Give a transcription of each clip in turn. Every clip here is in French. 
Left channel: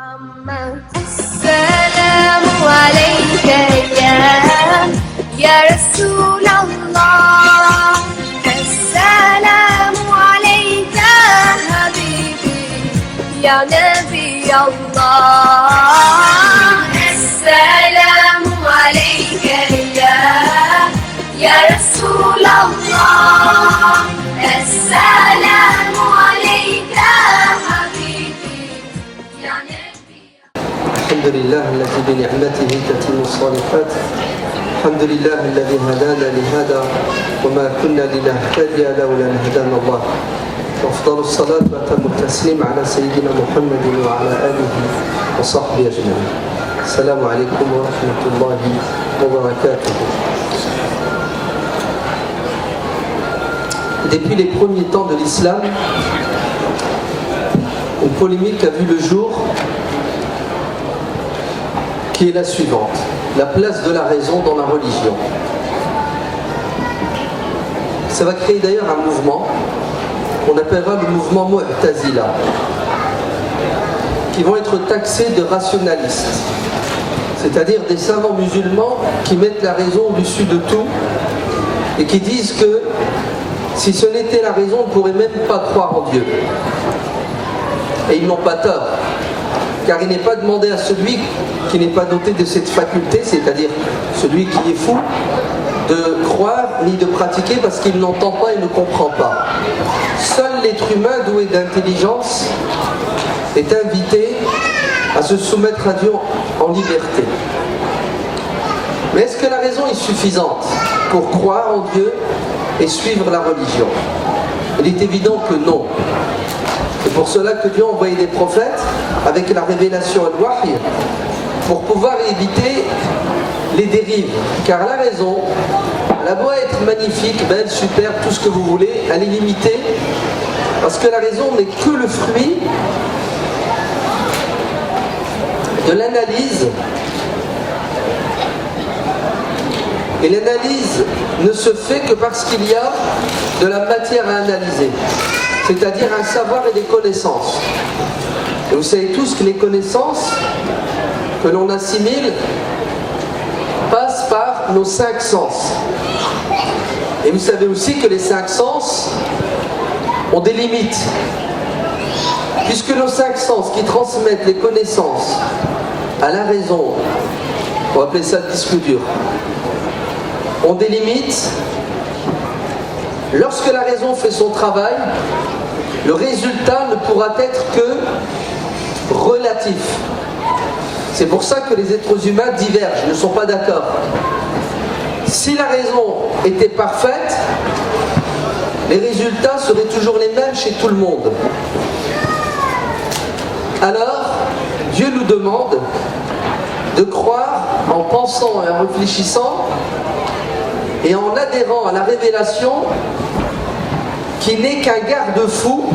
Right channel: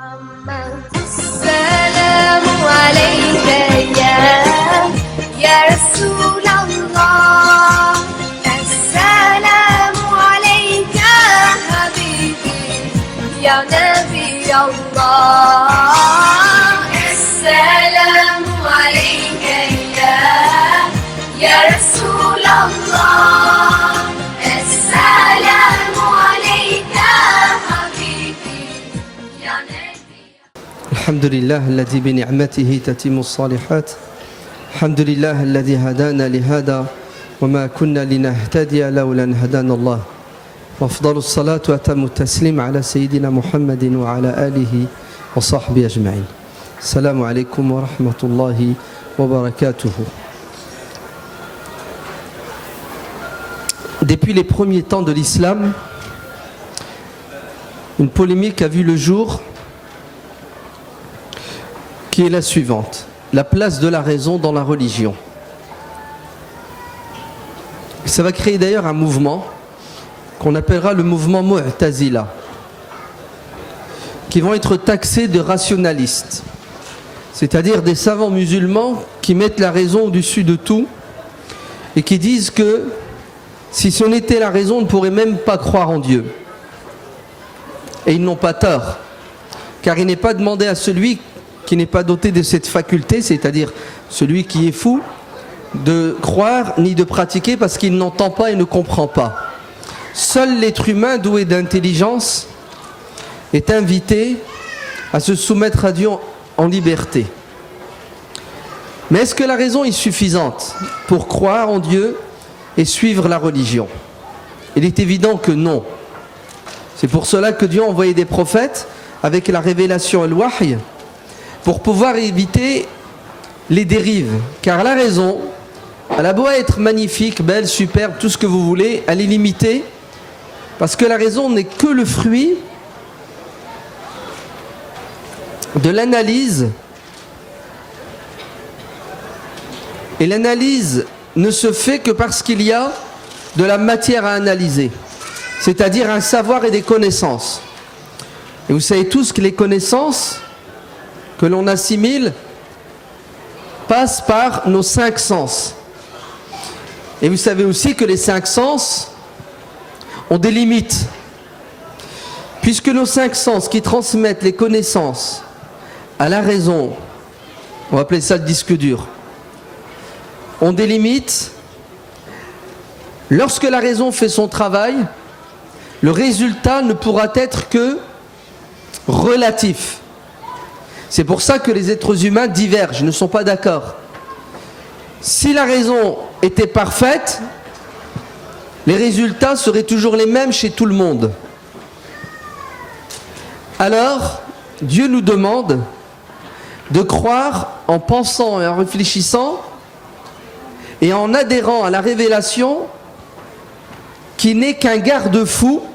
محمد السلام عليك يا رسول الله السلام عليك حبيبي يا نبي الله السلام عليك يا رسول الله السلام عليك حبيبي يا نبي الحمد لله الذي بنعمته تتم الصالحات. الحمد لله الذي هدانا لهذا وما كنا لنهتدي لولا ان هدانا الله. أفضل الصلاة وأتم التسليم على سيدنا محمد وعلى آله وصحبه أجمعين. السلام عليكم ورحمة الله وبركاته. Depuis les premiers temps de l'islam, une polémique a vu le jour qui est la suivante: la place de la raison dans la religion. Ça va créer d'ailleurs un mouvement qu'on appellera le mouvement Mu'tazila, qui vont être taxés de rationalistes, c'est-à-dire des savants musulmans qui mettent la raison au-dessus de tout et qui disent que si ce n'était la raison, on ne pourrait même pas croire en Dieu. Et ils n'ont pas tort, car il n'est pas demandé à celui qui n'est pas doté de cette faculté, c'est-à-dire celui qui est fou, de croire ni de pratiquer parce qu'il n'entend pas et ne comprend pas. Seul l'être humain doué d'intelligence est invité à se soumettre à Dieu en liberté. Mais est-ce que la raison est suffisante pour croire en Dieu et suivre la religion? Il est évident que non. C'est pour cela que Dieu a envoyé des prophètes avec la révélation et le wahy pour pouvoir éviter les dérives. Car la raison, elle a beau être magnifique, belle, superbe, tout ce que vous voulez, elle est limitée parce que la raison n'est que le fruit de l'analyse. Et l'analyse ne se fait que parce qu'il y a de la matière à analyser, c'est-à-dire un savoir et des connaissances. Et vous savez tous que les connaissances que l'on assimile passent par nos 5 sens. Et vous savez aussi que les 5 sens ont des limites, puisque nos 5 sens qui transmettent les connaissances à la raison, on va appeler ça le disque dur, ont des limites. Lorsque la raison fait son travail, le résultat ne pourra être que relatif. C'est pour ça que les êtres humains divergent, ne sont pas d'accord. Si la raison était parfaite, les résultats seraient toujours les mêmes chez tout le monde. Alors, Dieu nous demande de croire en pensant et en réfléchissant et en adhérant à la révélation qui n'est qu'un garde-fou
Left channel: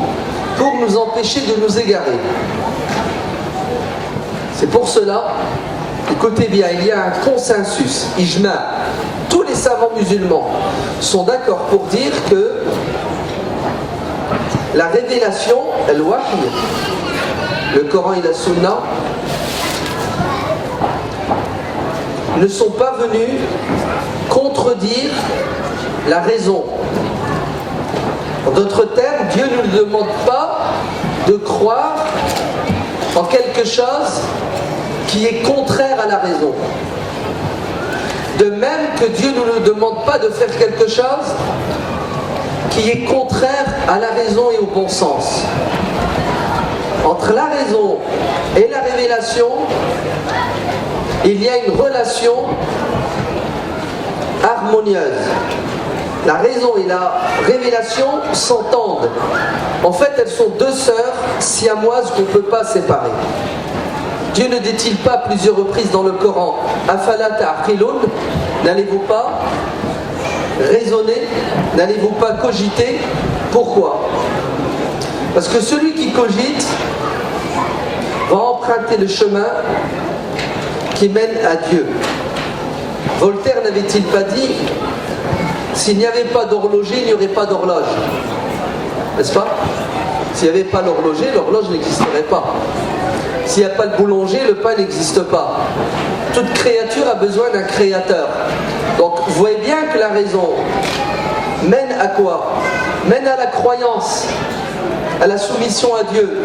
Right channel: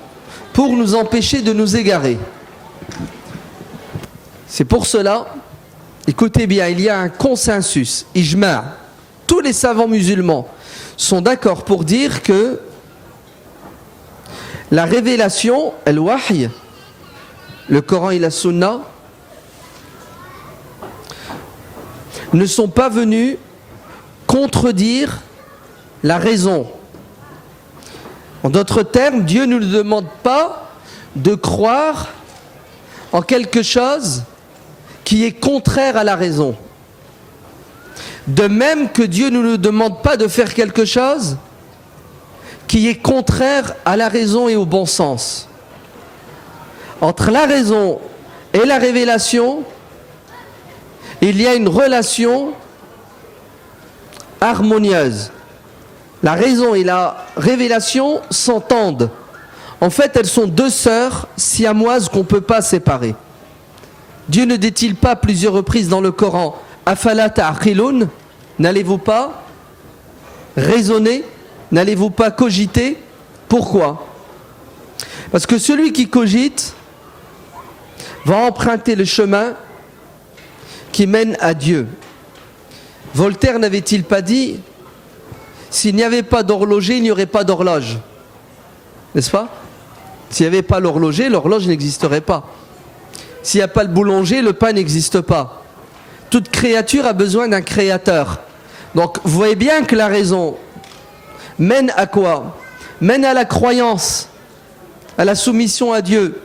pour nous empêcher de nous égarer. C'est pour cela, écoutez bien, il y a un consensus, ijma'. Tous les savants musulmans sont d'accord pour dire que la révélation, al-wahy, le Coran et la Sunna, ne sont pas venus contredire la raison. En d'autres termes, Dieu ne nous demande pas de croire en quelque chose qui est contraire à la raison. De même que Dieu ne nous demande pas de faire quelque chose qui est contraire à la raison et au bon sens. Entre la raison et la révélation, il y a une relation harmonieuse. La raison et la révélation s'entendent. En fait, elles sont 2 sœurs siamoises qu'on ne peut pas séparer. Dieu ne dit-il pas plusieurs reprises dans le Coran: Afala ta'qilun, n'allez-vous pas raisonner, n'allez-vous pas cogiter? Pourquoi? Parce que celui qui cogite va emprunter le chemin qui mène à Dieu. Voltaire n'avait-il pas dit: s'il n'y avait pas d'horloger, il n'y aurait pas d'horloge? N'est-ce pas? S'il n'y avait pas l'horloger, l'horloge n'existerait pas. S'il n'y a pas le boulanger, le pain n'existe pas. Toute créature a besoin d'un créateur. Donc vous voyez bien que la raison mène à quoi? Mène à la croyance, à la soumission à Dieu.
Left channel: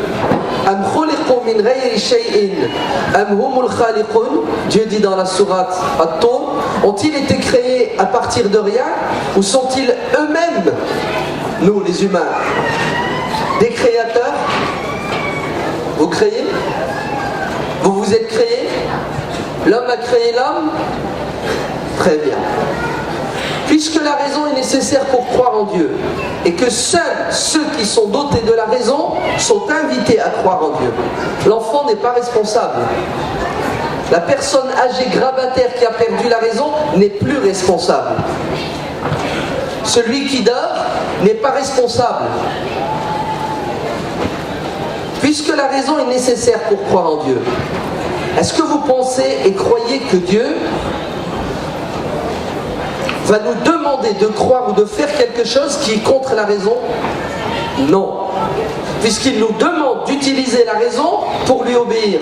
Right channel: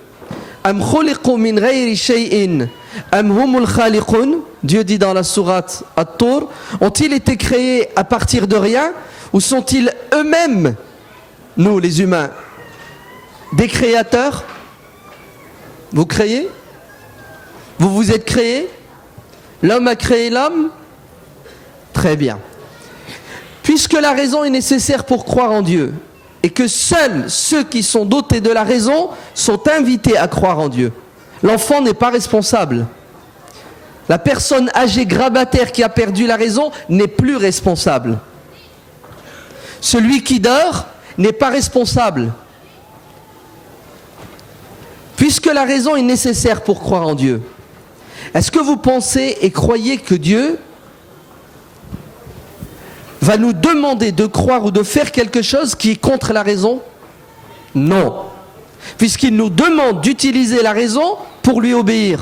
Am khuliqu min ghayri shay'in am humul khaliqun. Dieu dit dans la sourate At-Tur, ont-ils été créés à partir de rien ou sont-ils eux-mêmes, nous les humains, des créateurs? Vous créez? Vous vous êtes créés? L'homme a créé l'homme? Très bien. Puisque la raison est nécessaire pour croire en Dieu et que seuls ceux qui sont dotés de la raison sont invités à croire en Dieu, l'enfant n'est pas responsable. La personne âgée grabataire qui a perdu la raison n'est plus responsable. Celui qui dort n'est pas responsable. Puisque la raison est nécessaire pour croire en Dieu, est-ce que vous pensez et croyez que Dieu va nous demander de croire ou de faire quelque chose qui est contre la raison? Non. Puisqu'il nous demande d'utiliser la raison pour lui obéir.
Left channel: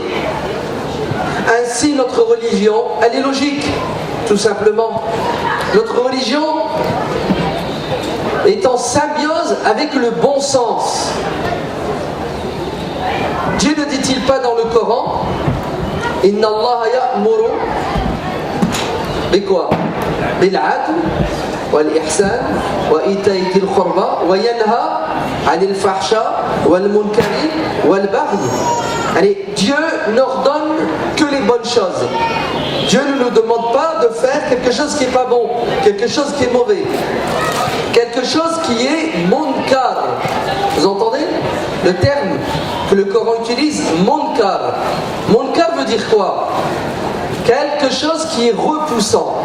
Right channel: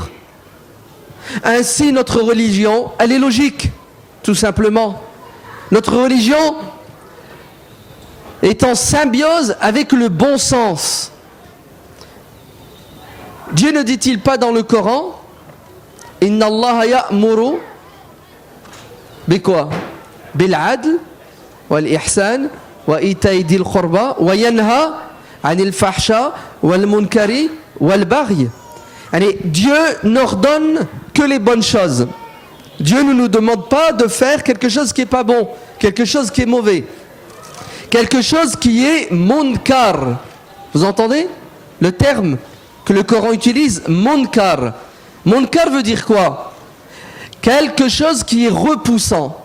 Ainsi, notre religion, elle est logique, tout simplement. Notre religion est en symbiose avec le bon sens. Dieu ne dit-il pas dans le Coran, Inna Allah ya'muru bi quoi? Bil adl wal ihsan wa ita'i dil qurba wa yanha 'anil fahsha wal munkari wal baghi. Allez, Dieu n'ordonne que les bonnes choses. Dieu ne nous demande pas de faire quelque chose qui n'est pas bon, quelque chose qui est mauvais, quelque chose qui est munkar. Vous entendez le terme que le Coran utilise? Munkar. Munkar veut dire quoi? Quelque chose qui est repoussant,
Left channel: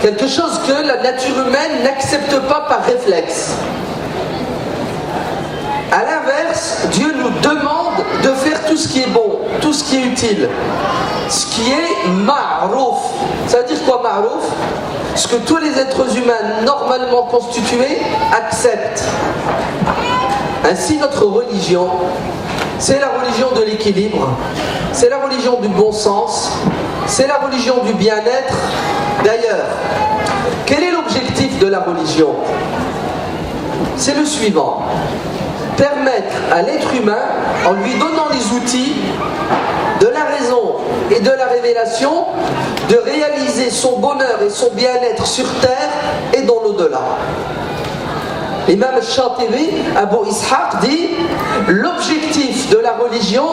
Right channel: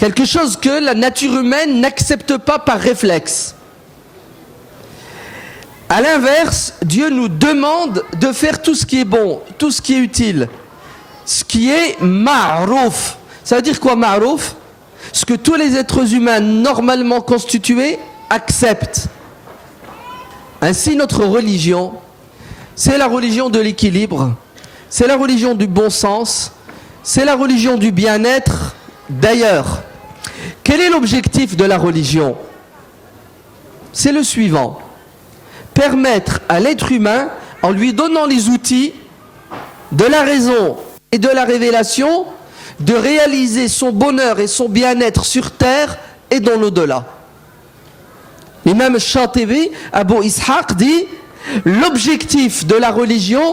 quelque chose que la nature humaine n'accepte pas par réflexe. A l'inverse, Dieu nous demande de faire tout ce qui est bon, tout ce qui est utile, ce qui est ma'rouf. Ça veut dire quoi ma'rouf? Ce que tous les êtres humains normalement constitués acceptent. Ainsi, notre religion, c'est la religion de l'équilibre, c'est la religion du bon sens, c'est la religion du bien-être. D'ailleurs, quel est l'objectif de la religion? C'est le suivant: permettre à l'être humain, en lui donnant les outils de la raison et de la révélation, de réaliser son bonheur et son bien-être sur terre et dans l'au-delà. L'imam Shatibi, Abu Ishaq, dit: l'objectif de la religion,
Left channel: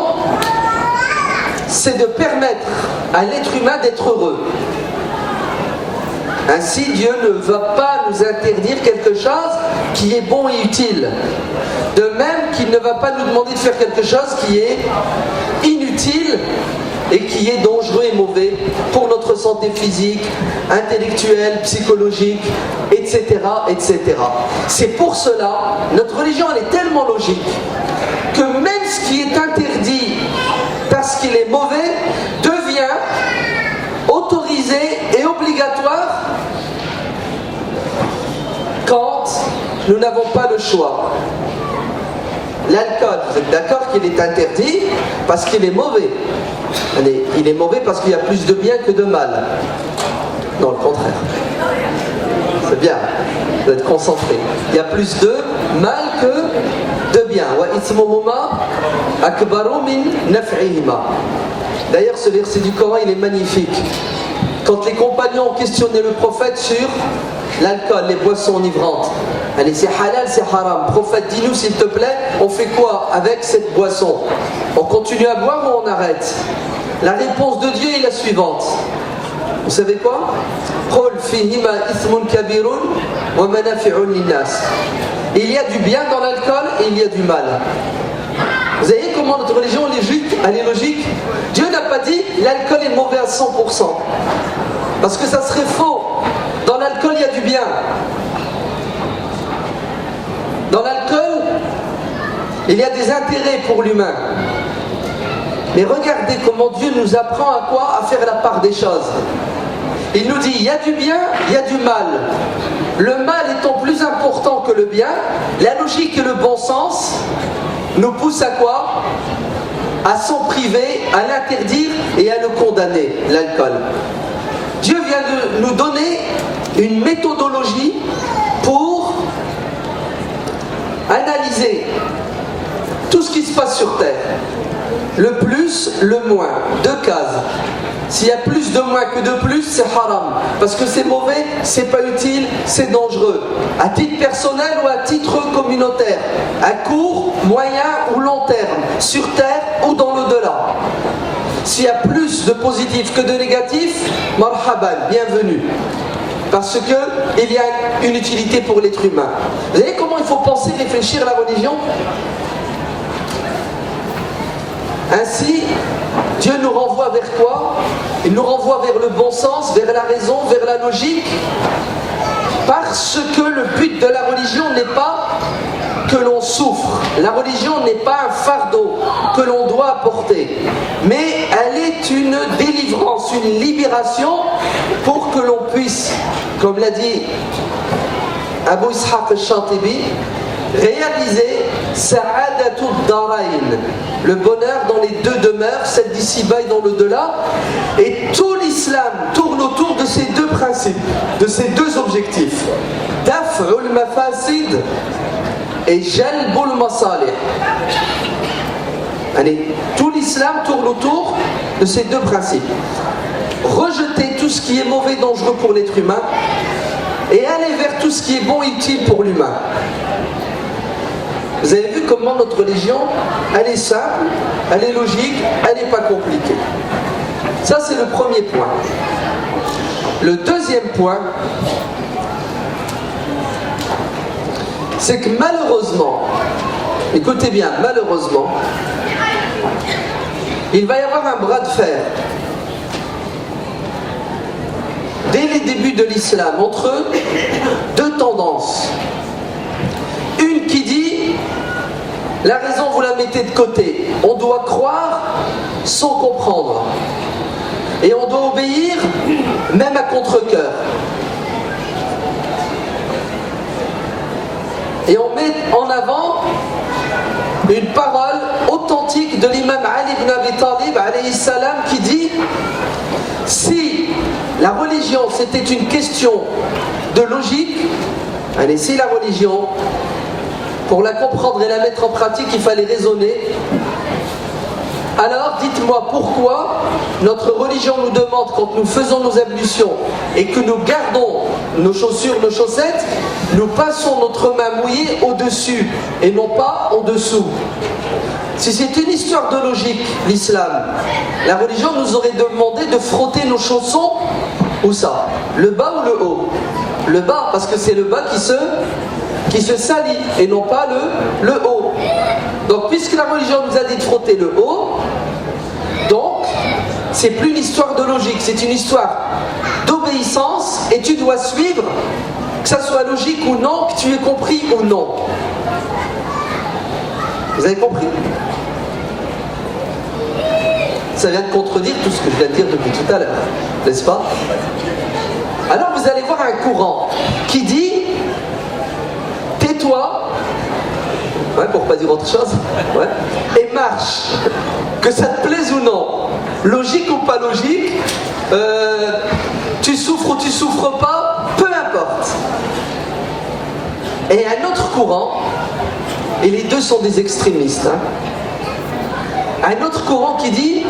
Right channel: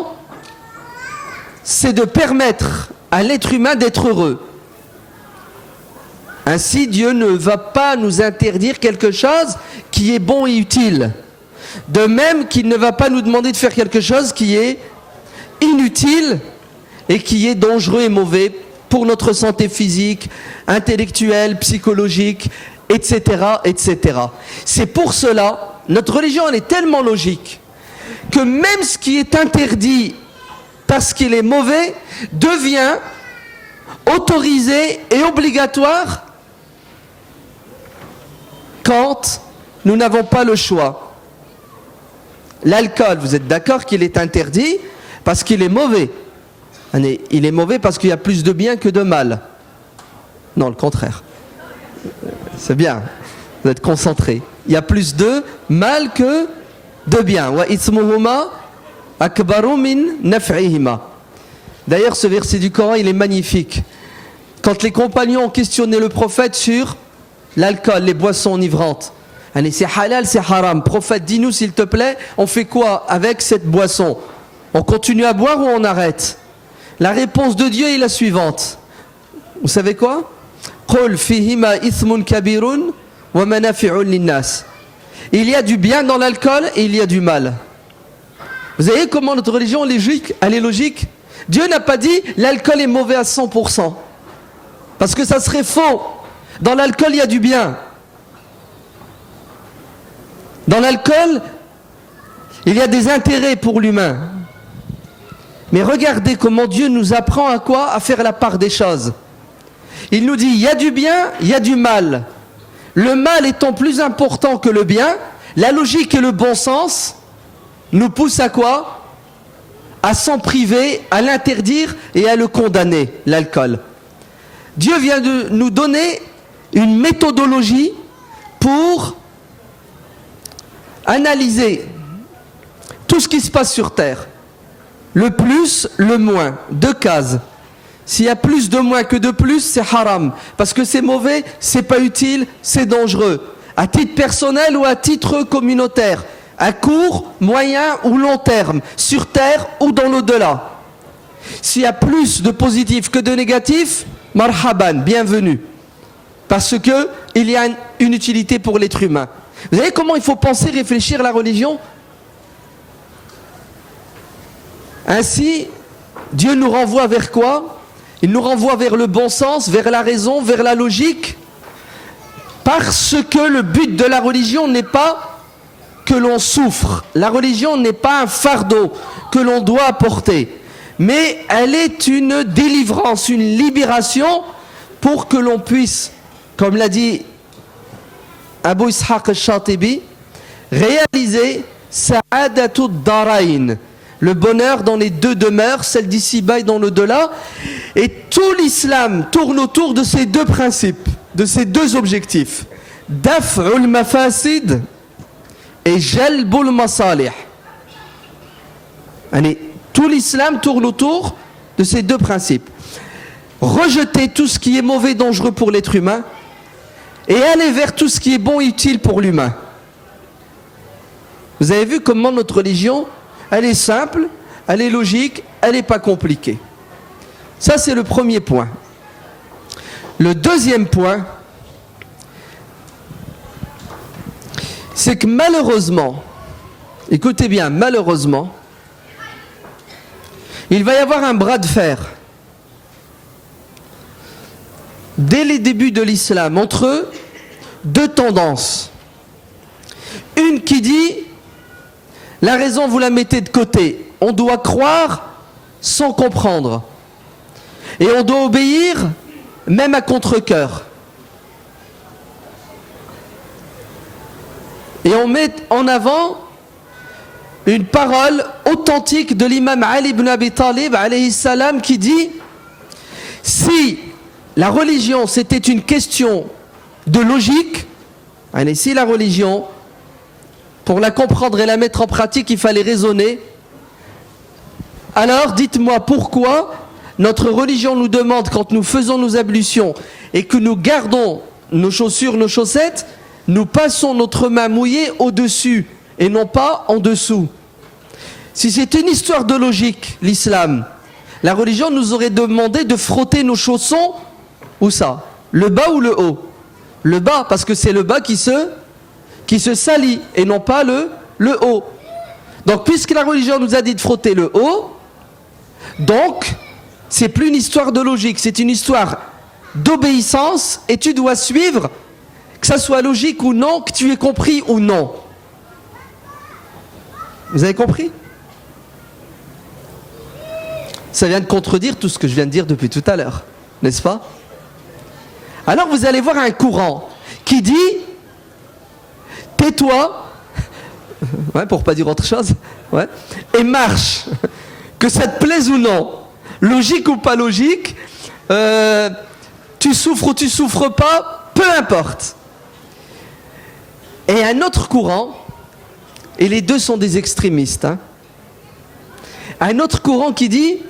c'est de permettre à l'être humain d'être heureux. Ainsi, Dieu ne va pas nous interdire quelque chose qui est bon et utile. De même qu'il ne va pas nous demander de faire quelque chose qui est inutile et qui est dangereux et mauvais pour notre santé physique, intellectuelle, psychologique, etc., etc. C'est pour cela, notre religion elle est tellement logique que même ce qui est interdit parce qu'il est mauvais devient autorisé et obligatoire quand nous n'avons pas le choix. L'alcool, vous êtes d'accord qu'il est interdit parce qu'il est mauvais? Allez, il est mauvais parce qu'il y a plus de bien que de mal. Non, le contraire. C'est bien, vous êtes concentré. Il y a plus de mal que de bien. Wa ithmuhuma akbaru min naf'ihima. D'ailleurs, ce verset du Coran, il est magnifique. Quand les compagnons ont questionné le prophète sur l'alcool, les boissons enivrantes, allez, c'est halal, c'est haram. Prophète, dis-nous s'il te plaît, on fait quoi avec cette boisson? On continue à boire ou on arrête? La réponse de Dieu est la suivante. Vous savez quoi? Qul fihima ithmun kabirun wa manafi'un linnas. Il y a du bien dans l'alcool et il y a du mal. Vous voyez comment notre religion elle est logique? Dieu n'a pas dit l'alcool est mauvais à 100%. Parce que ça serait faux. Dans l'alcool, il y a du bien. Dans l'alcool, il y a des intérêts pour l'humain. Mais regardez comment Dieu nous apprend à quoi? À faire la part des choses. Il nous dit, il y a du bien, il y a du mal. Le mal étant plus important que le bien, la logique et le bon sens nous poussent à quoi? à s'en priver, à l'interdire et à le condamner, l'alcool. Dieu vient de nous donner une méthodologie pour analyser tout ce qui se passe sur terre. Le plus, le moins. 2 cases. S'il y a plus de moins que de plus, c'est haram. Parce que c'est mauvais, c'est pas utile, c'est dangereux. À titre personnel ou à titre communautaire. À court, moyen ou long terme. Sur terre ou dans l'au-delà. S'il y a plus de positifs que de négatifs, marhaban, bienvenue. Parce qu'il y a une utilité pour l'être humain. Vous voyez comment il faut penser, réfléchir à la religion? Ainsi, Dieu nous renvoie vers quoi? Il nous renvoie vers le bon sens, vers la raison, vers la logique. Parce que le but de la religion n'est pas que l'on souffre. La religion n'est pas un fardeau que l'on doit porter. Mais elle est une délivrance, une libération pour que l'on puisse, comme l'a dit Abu Ishaq al-Shatibi, réaliser Sa'adatud Darain, le bonheur dans les 2 demeures, celle d'ici-bas et dans l'au-delà. Et tout l'islam tourne autour de ces 2 principes, de ces 2 objectifs. Daf'ul mafasid et jalbul masalih. Allez, tout l'islam tourne autour de ces 2 principes. Rejeter tout ce qui est mauvais, dangereux pour l'être humain et aller vers tout ce qui est bon et utile pour l'humain. Vous avez vu comment notre religion, elle est simple, elle est logique, elle n'est pas compliquée. Ça, c'est le premier point. Le deuxième point, c'est que malheureusement, écoutez bien, malheureusement, il va y avoir un bras de fer dès les débuts de l'islam entre 2 tendances. Une qui dit la raison vous la mettez de côté, on doit croire sans comprendre et on doit obéir même à contre-cœur. Et on met en avant une parole authentique de l'imam Ali ibn Abi Talib alayhi salam qui dit: si la religion c'était une question de logique, allez, si la religion, pour la comprendre et la mettre en pratique, il fallait raisonner, alors dites-moi pourquoi notre religion nous demande, quand nous faisons nos ablutions et que nous gardons nos chaussures, nos chaussettes, nous passons notre main mouillée au-dessus et non pas en dessous. Si c'est une histoire de logique, l'islam, la religion nous aurait demandé de frotter nos chaussons, où ça? Le bas ou le haut? Le bas, parce que c'est le bas qui se salit et non pas le haut. Donc puisque la religion nous a dit de frotter le haut, donc c'est plus une histoire de logique, c'est une histoire d'obéissance et tu dois suivre, que ça soit logique ou non, que tu aies compris ou non. Vous avez compris? Ça vient de contredire tout ce que je viens de dire depuis tout à l'heure, n'est-ce pas? Alors vous allez voir un courant qui dit: tais-toi, ouais, pour pas dire autre chose, ouais, et marche, que ça te plaise ou non, logique ou pas logique, tu souffres ou tu souffres pas, peu importe. Et un autre courant, et les deux sont des extrémistes, hein, un autre courant qui dit:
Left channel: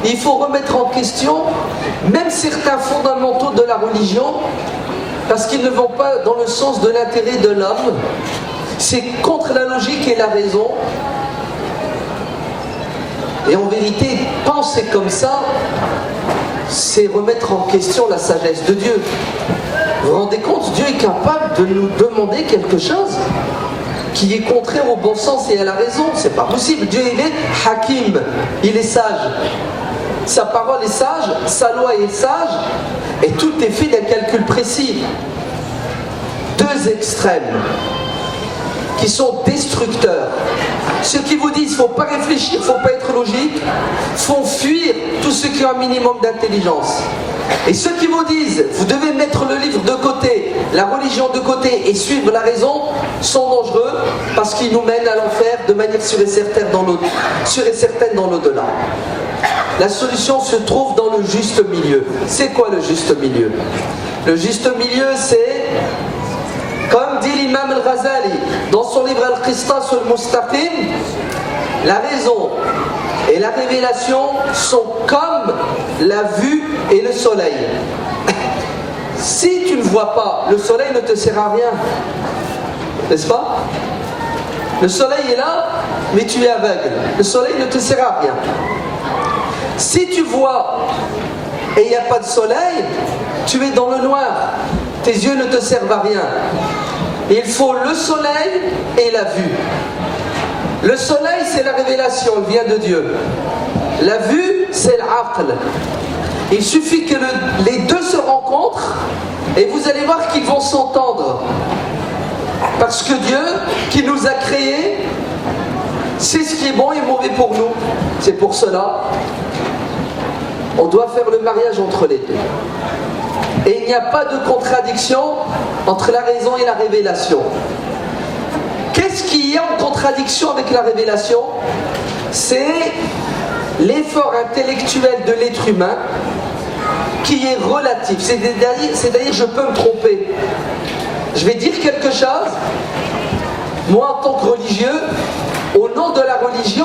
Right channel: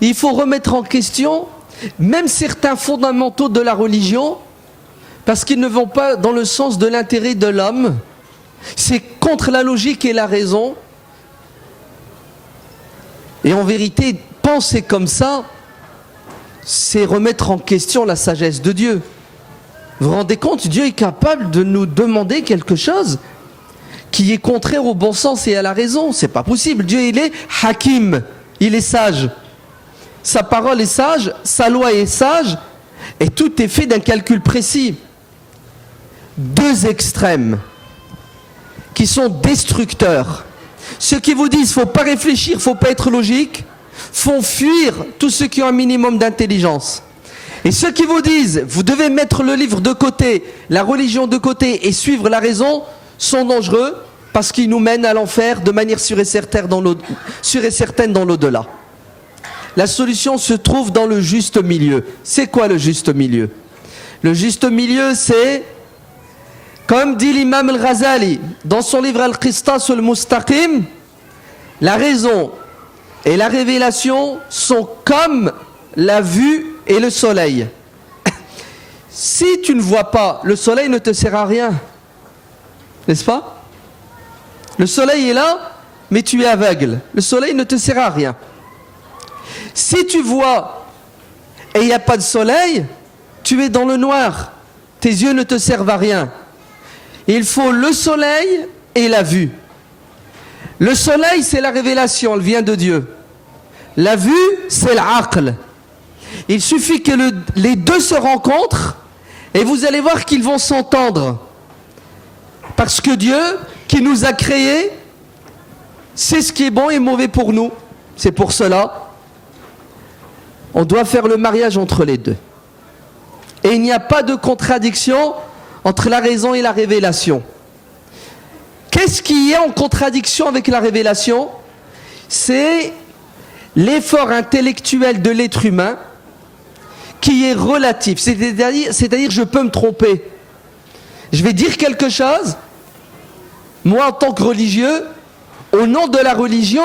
il faut remettre en question même certains fondamentaux de la religion, parce qu'ils ne vont pas dans le sens de l'intérêt de l'homme, c'est contre la logique et la raison. Et en vérité, penser comme ça, c'est remettre en question la sagesse de Dieu. Vous vous rendez compte, Dieu est capable de nous demander quelque chose qui est contraire au bon sens et à la raison. C'est pas possible. Dieu, il est hakim, il est sage. Sa parole est sage, sa loi est sage, et tout est fait d'un calcul précis. Deux extrêmes qui sont destructeurs. Ceux qui vous disent qu'il ne faut pas réfléchir, il ne faut pas être logique, font fuir tous ceux qui ont un minimum d'intelligence. Et ceux qui vous disent, vous devez mettre le livre de côté, la religion de côté et suivre la raison, sont dangereux parce qu'ils nous mènent à l'enfer de manière sûre et certaine dans l'au-delà. La solution se trouve dans le juste milieu. C'est quoi le juste milieu? Le juste milieu, c'est, comme dit l'imam al-Ghazali dans son livre Al-Qistas al-Mustaqim, la raison et la révélation sont comme la vue et le soleil. Si tu ne vois pas, le soleil ne te sert à rien. N'est-ce pas? Le soleil est là, mais tu es aveugle. Le soleil ne te sert à rien. Si tu vois et il n'y a pas de soleil, tu es dans le noir. Tes yeux ne te servent à rien. Il faut le soleil et la vue. Le soleil, c'est la révélation, elle vient de Dieu. La vue, c'est l'aql. Il suffit que les deux se rencontrent et vous allez voir qu'ils vont s'entendre. Parce que Dieu, qui nous a créés, sait ce qui est bon et mauvais pour nous. C'est pour cela, on doit faire le mariage entre les deux. Et il n'y a pas de contradiction entre la raison et la révélation. Qu'est-ce qui est en contradiction avec la révélation? C'est l'effort intellectuel de l'être humain qui est relatif. C'est-à-dire je peux me tromper. Je vais dire quelque chose, moi en tant que religieux, au nom de la religion,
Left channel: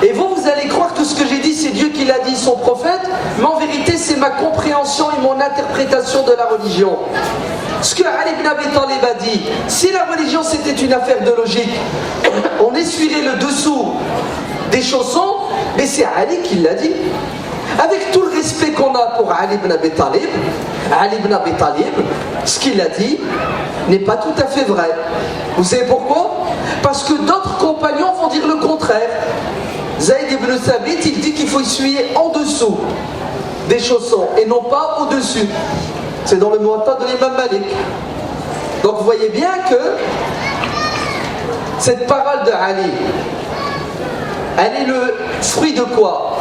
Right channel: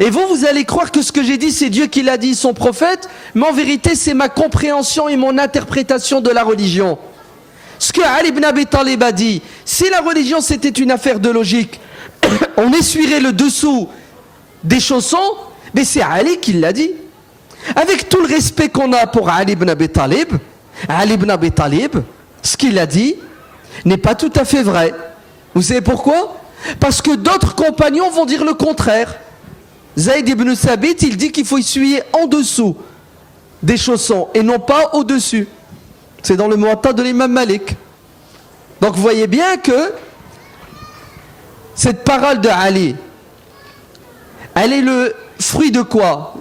et vous allez croire que ce que j'ai dit, c'est Dieu qui l'a dit, son prophète, mais en vérité, c'est ma compréhension et mon interprétation de la religion. Ce que Ali ibn Abi Talib a dit, si la religion c'était une affaire de logique, on essuierait le dessous des chaussons, mais c'est Ali qui l'a dit. Avec tout le respect qu'on a pour Ali ibn Abi Talib, ce qu'il a dit n'est pas tout à fait vrai. Vous savez pourquoi? Parce que d'autres compagnons vont dire le contraire. Zayd ibn Thabit, il dit qu'il faut essuyer en dessous des chaussons et non pas au-dessus. C'est dans le Muwatta de l'imam Malik. Donc vous voyez bien que cette parole de Ali, elle est le fruit de quoi?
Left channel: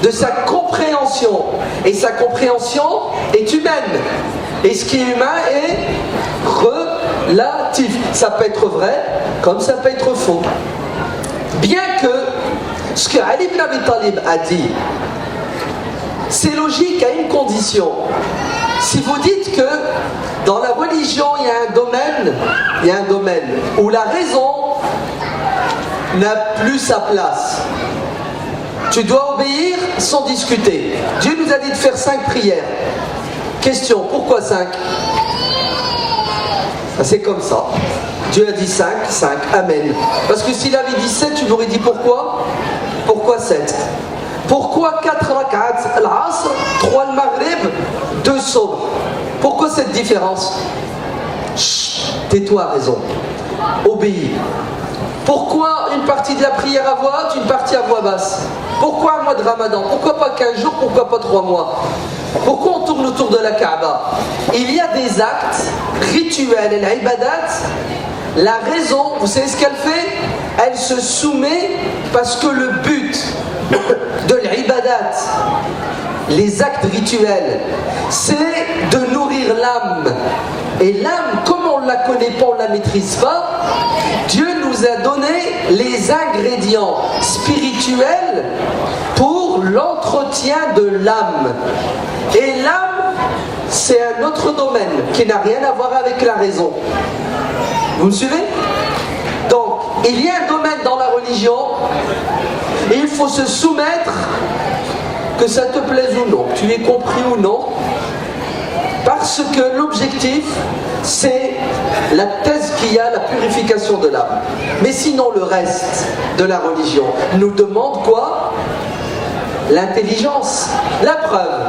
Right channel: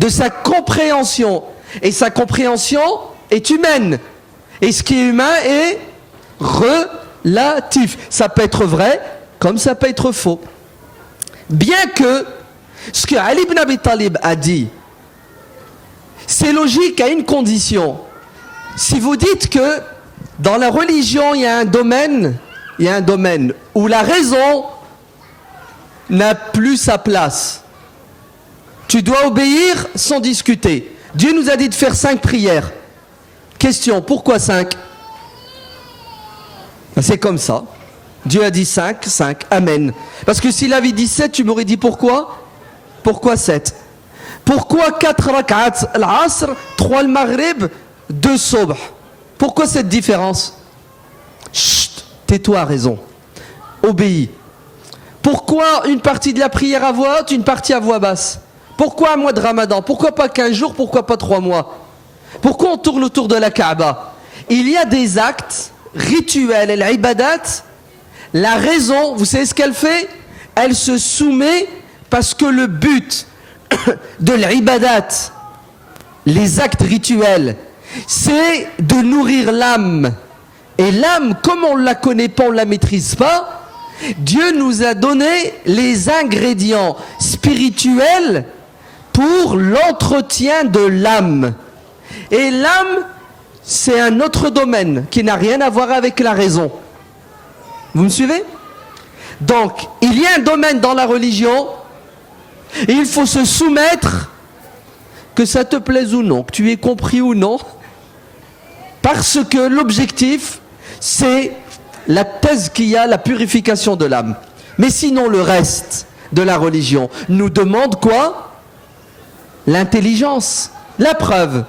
De sa compréhension. Et sa compréhension est humaine. Et ce qui est humain est relatif. Ça peut être vrai comme ça peut être faux. Bien que ce que Ali ibn Abi Talib a dit, c'est logique à une condition. Si vous dites que dans la religion il y a un domaine où la raison n'a plus sa place, tu dois obéir sans discuter. Dieu nous a dit de faire 5 prières. Question, pourquoi 5? C'est comme ça. Dieu a dit 5, amen. Parce que s'il avait dit 7, tu m'aurais dit pourquoi? Pourquoi 7? Pourquoi 4 rak'at al-asr, 3 al-maghrib, 2 subh? Pourquoi cette différence? Chut, tais-toi, raison. Obéis. Pourquoi une partie de la prière à voix haute, une partie à voix basse? Pourquoi un mois de Ramadan? Pourquoi pas 15 jours? Pourquoi pas 3 mois? Pourquoi on tourne autour de la Kaaba? Il y a des actes rituels et l'ibadat. La raison, vous savez ce qu'elle fait? Elle se soumet parce que le but de l'ibadat, les actes rituels, c'est de nourrir l'âme. Et l'âme, comme on ne la connaît pas, on ne la maîtrise pas, Dieu nous a donné les ingrédients spirituels pour l'entretien de l'âme. Et l'âme, c'est un autre domaine qui n'a rien à voir avec la raison. Vous me suivez? Donc, il y a un domaine dans la religion et il faut se soumettre, que ça te plaise ou non, que tu aies compris ou non, parce que l'objectif, c'est la tazkiya, la purification de l'âme. Mais sinon, le reste de la religion nous demande quoi? L'intelligence. La preuve.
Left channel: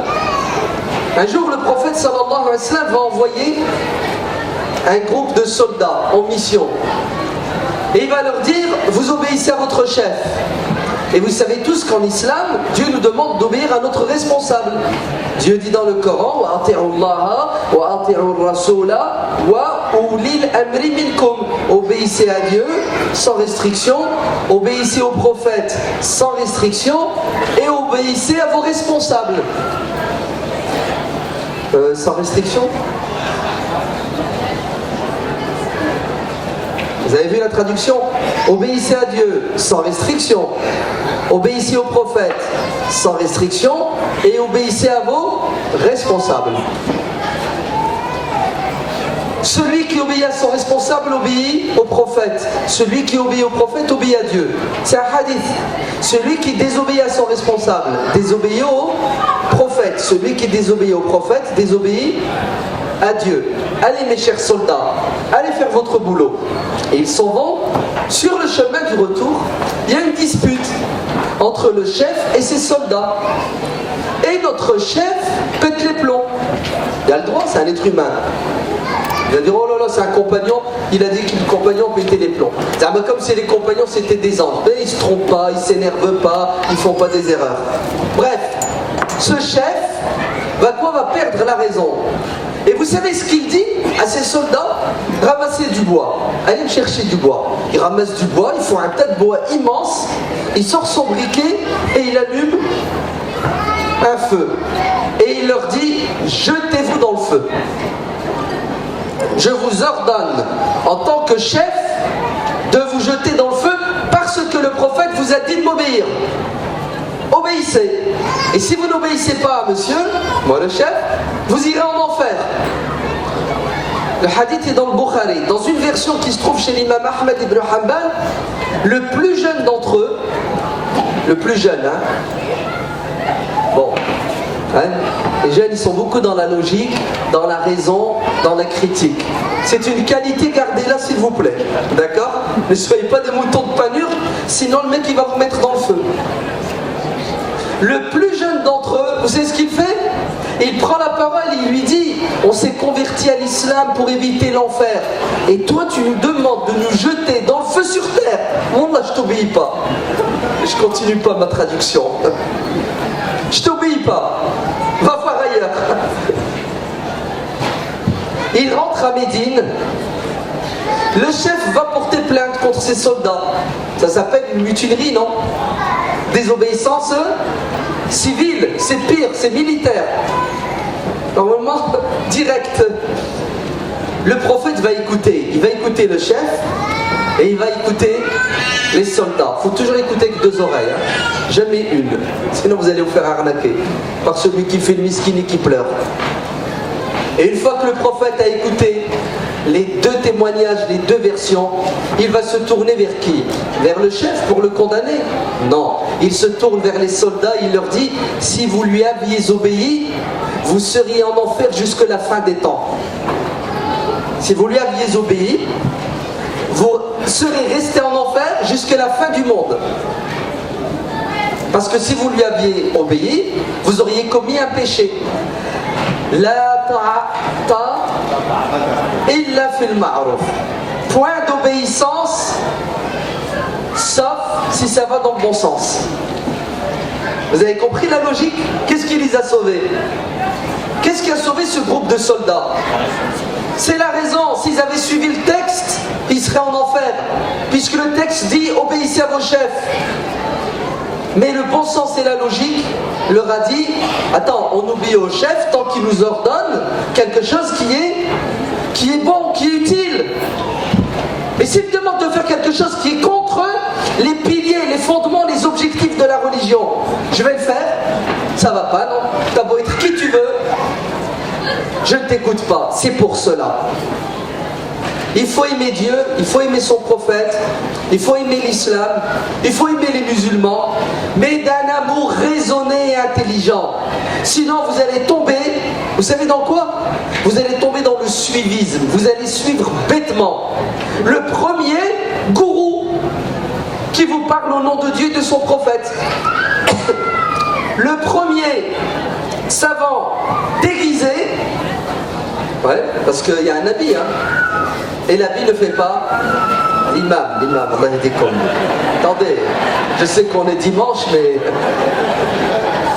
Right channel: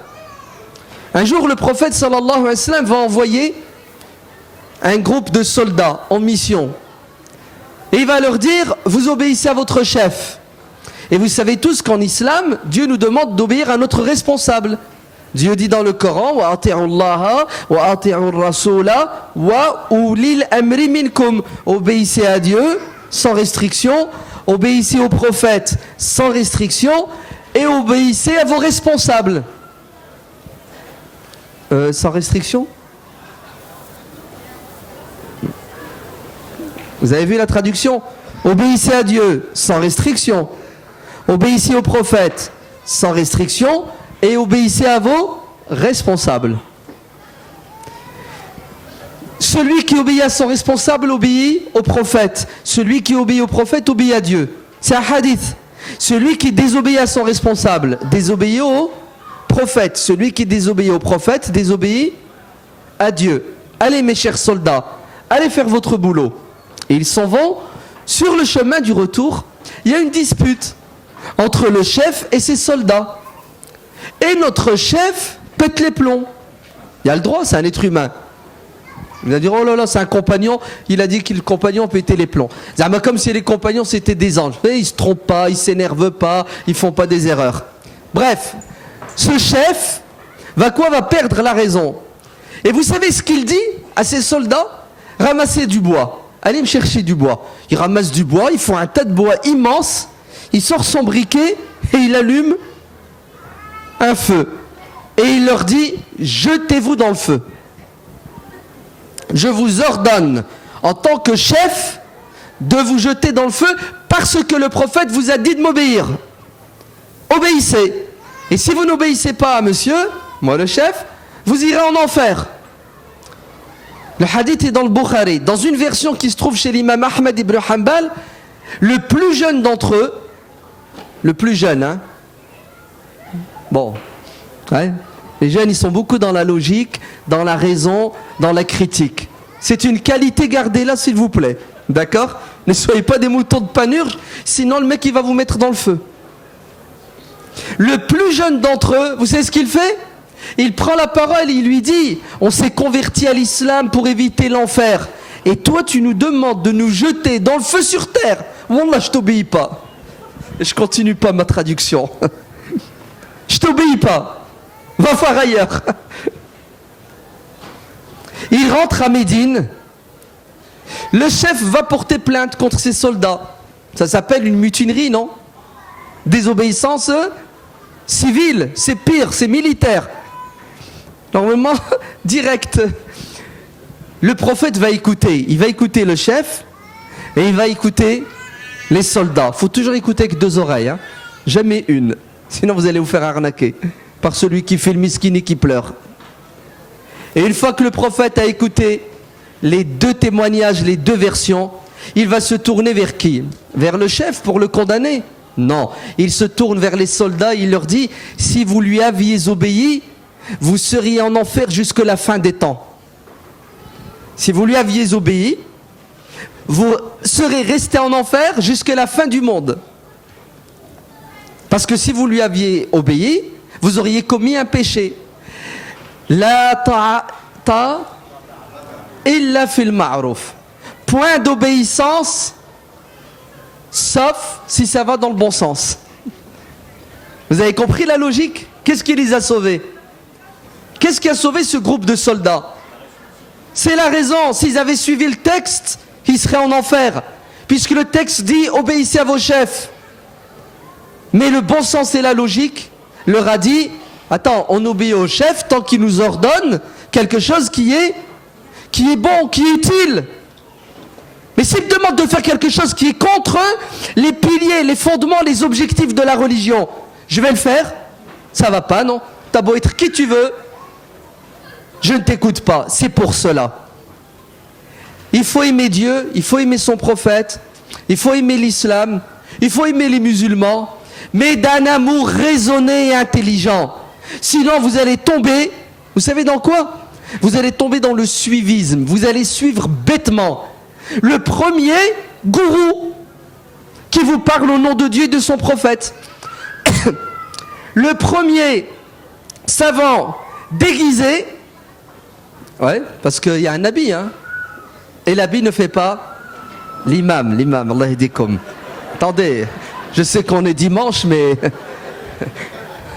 Un jour, le prophète sallallahu alayhi wa sallam va envoyer un groupe de soldats en mission. Et il va leur dire, vous obéissez à votre chef. Et vous savez tous qu'en islam, Dieu nous demande d'obéir à notre responsable. Dieu dit dans le Coran, wa ati'u Allah wa ati'u Rasula wa ulil amri minkum. Obéissez à Dieu sans restriction, obéissez au prophète sans restriction et obéissez à vos responsables. Sans restriction. Vous avez vu la traduction? Obéissez à Dieu sans restriction. Obéissez aux prophètes sans restriction. Et obéissez à vos responsables. Celui qui obéit à son responsable obéit au prophète. Celui qui obéit au prophète obéit à Dieu. C'est un hadith. Celui qui désobéit à son responsable désobéit au prophète. Celui qui désobéit au prophète désobéit à Dieu. Allez mes chers soldats, allez faire votre boulot. Et ils s'en vont. Sur le chemin du retour, il y a une dispute entre le chef et ses soldats. Et notre chef pète les plombs. Il a le droit, c'est un être humain. Il a dit, oh là là, c'est un compagnon. Il a dit que le compagnon pétait les plombs. Comme si les compagnons c'était des anges. Mais ils ne se trompent pas, ils ne s'énervent pas, ils ne font pas des erreurs. Bref, ce chef va perdre la raison. Et vous savez ce qu'il dit à ses soldats? Ramassez du bois. Allez me chercher du bois. Il ramasse du bois, il faut un tas de bois immense. Il sort son briquet et il allume un feu. Et il leur dit, jetez-vous dans le feu. Je vous ordonne, en tant que chef, de vous jeter dans le feu parce que le prophète vous a dit de m'obéir. Obéissez. Et si vous n'obéissez pas à monsieur, moi le chef, vous irez en enfer. Le hadith est dans le Bukhari. Dans une version qui se trouve chez l'imam Ahmed ibn Hanbal, le plus jeune d'entre eux, le plus jeune, hein. Bon, hein, les jeunes ils sont beaucoup dans la logique, dans la raison, dans la critique. C'est une qualité, gardez-la s'il vous plaît. D'accord? Ne soyez pas des moutons de panurge, sinon le mec il va vous mettre dans le feu. Le plus jeune d'entre eux, vous savez ce qu'il fait? Il prend la parole et il lui dit, on s'est converti à l'islam pour éviter l'enfer. Et toi tu nous demandes de nous jeter dans le feu sur terre. Moi là je t'obéis pas. Je continue pas ma traduction. Je t'obéis pas. Va faire ailleurs. Il rentre à Médine. Le chef va porter plainte contre ses soldats. Ça s'appelle une mutinerie, non? Désobéissance civile. C'est pire, c'est militaire. Normalement, direct. Le prophète va écouter. Il va écouter le chef et il va écouter les soldats. Il faut toujours écouter avec deux oreilles. Hein. Jamais une. Sinon vous allez vous faire arnaquer par celui qui fait le miskin et qui pleure. Et une fois que le prophète a écouté les deux témoignages, les deux versions, il va se tourner vers qui? Vers le chef pour le condamner? Non. Il se tourne vers les soldats et il leur dit, si vous lui aviez obéi, vous seriez en enfer jusque la fin des temps. Si vous lui aviez obéi, vous serez resté en enfer jusqu'à la fin du monde. Parce que si vous lui aviez obéi, vous auriez commis un péché. La ta'ata illa fil ma'ruf. Point d'obéissance, sauf si ça va dans le bon sens. Vous avez compris la logique? Qu'est-ce qui les a sauvés? Qu'est-ce qui a sauvé ce groupe de soldats? C'est la raison. S'ils avaient suivi le texte, ils seraient en enfer. Puisque le texte dit obéissez à vos chefs. Mais le bon sens et la logique leur a dit attends, on obéit au chef tant qu'il nous ordonne quelque chose qui est bon, qui est utile. Mais s'il me demande de faire quelque chose qui est contre les piliers, les fondements, les objectifs de la religion, je vais le faire. Ça va pas, non? T'as beau être qui tu veux, je ne t'écoute pas. C'est pour cela. Il faut aimer Dieu, il faut aimer son prophète, il faut aimer l'islam, il faut aimer les musulmans, mais d'un amour raisonné et intelligent. Sinon vous allez tomber, vous savez dans quoi? Vous allez tomber dans le suivisme, vous allez suivre bêtement le premier gourou qui vous parle au nom de Dieu et de son prophète. Le premier savant déguisé, ouais, parce qu'il y a un habit, hein, et l'habit ne fait pas l'imam, Allah yahdikum. Attendez, je sais qu'on est dimanche, mais...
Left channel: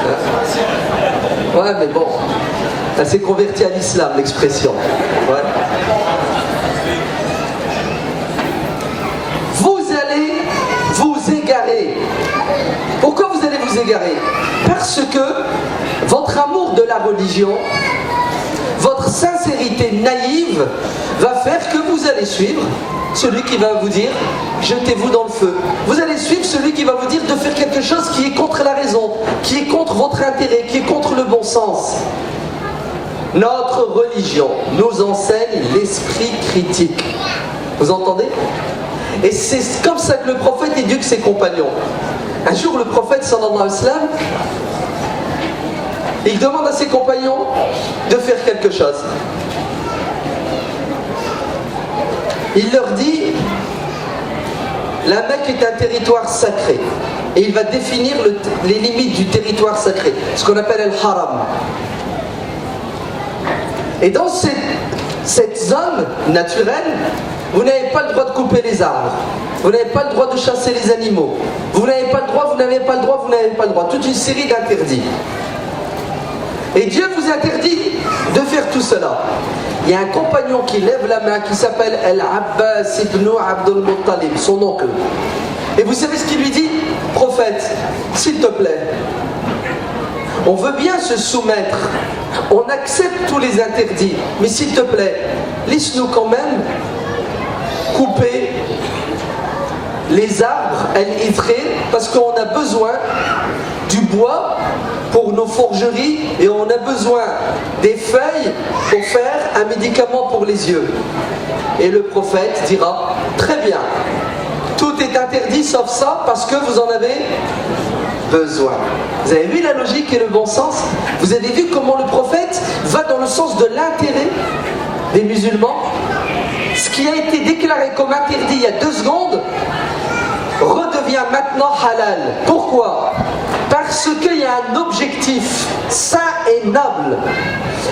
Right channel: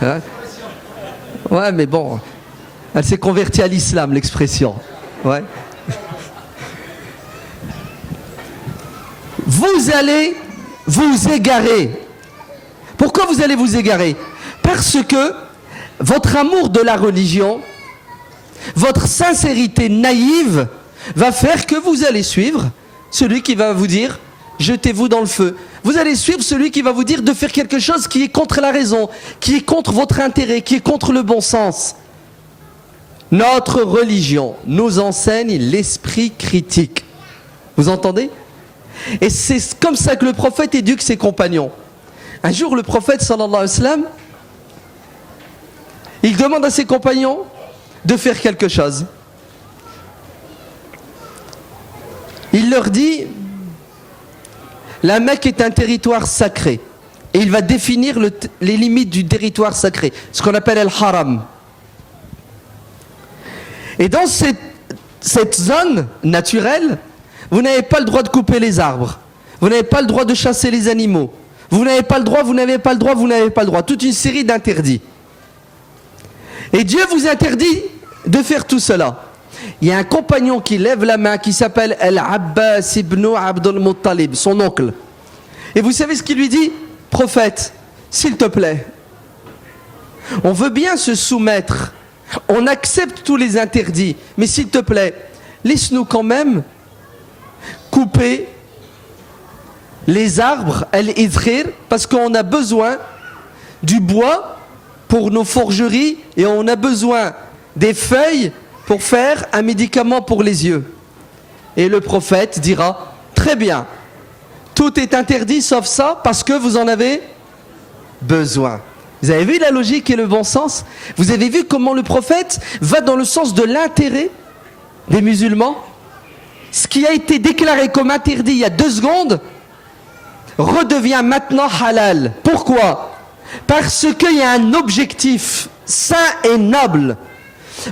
Hein? Ouais, mais bon, elle s'est convertie à l'islam, l'expression. Ouais. Vous allez vous égarer. Pourquoi vous allez vous égarer? Parce que votre amour de la religion votre sincérité naïve va faire que vous allez suivre celui qui va vous dire jetez-vous dans le feu. Vous allez suivre celui qui va vous dire de faire quelque chose qui est contre la raison, qui est contre votre intérêt, qui est contre le bon sens. Notre religion nous enseigne l'esprit critique. Vous entendez? Et c'est comme ça que le prophète éduque ses compagnons. Un jour, le prophète sallallahu alayhi wa sallam, il demande à ses compagnons de faire quelque chose. Il leur dit, la Mecque est un territoire sacré. Et il va définir les limites du territoire sacré, ce qu'on appelle al-haram. Et dans cette zone naturelle, vous n'avez pas le droit de couper les arbres. Vous n'avez pas le droit de chasser les animaux. Vous n'avez pas le droit, vous n'avez pas le droit, vous n'avez pas le droit. Toute une série d'interdits. Et Dieu vous interdit de faire tout cela. Il y a un compagnon qui lève la main qui s'appelle Al-Abbas ibn Abdul Muttalib, son oncle. Et vous savez ce qu'il lui dit? Prophète, s'il te plaît, on veut bien se soumettre, on accepte tous les interdits, mais s'il te plaît, laisse-nous quand même couper les arbres, al-idkhir, parce qu'on a besoin du bois pour nos forgeries et on a besoin des feuilles pour faire un médicament pour les yeux. Et le prophète dira, très bien, tout est interdit sauf ça parce que vous en avez besoin. Vous avez vu la logique et le bon sens? Vous avez vu comment le prophète va dans le sens de l'intérêt des musulmans? Ce qui a été déclaré comme interdit il y a 2 secondes redevient maintenant halal. Pourquoi? Parce qu'il y a un objectif saint et noble.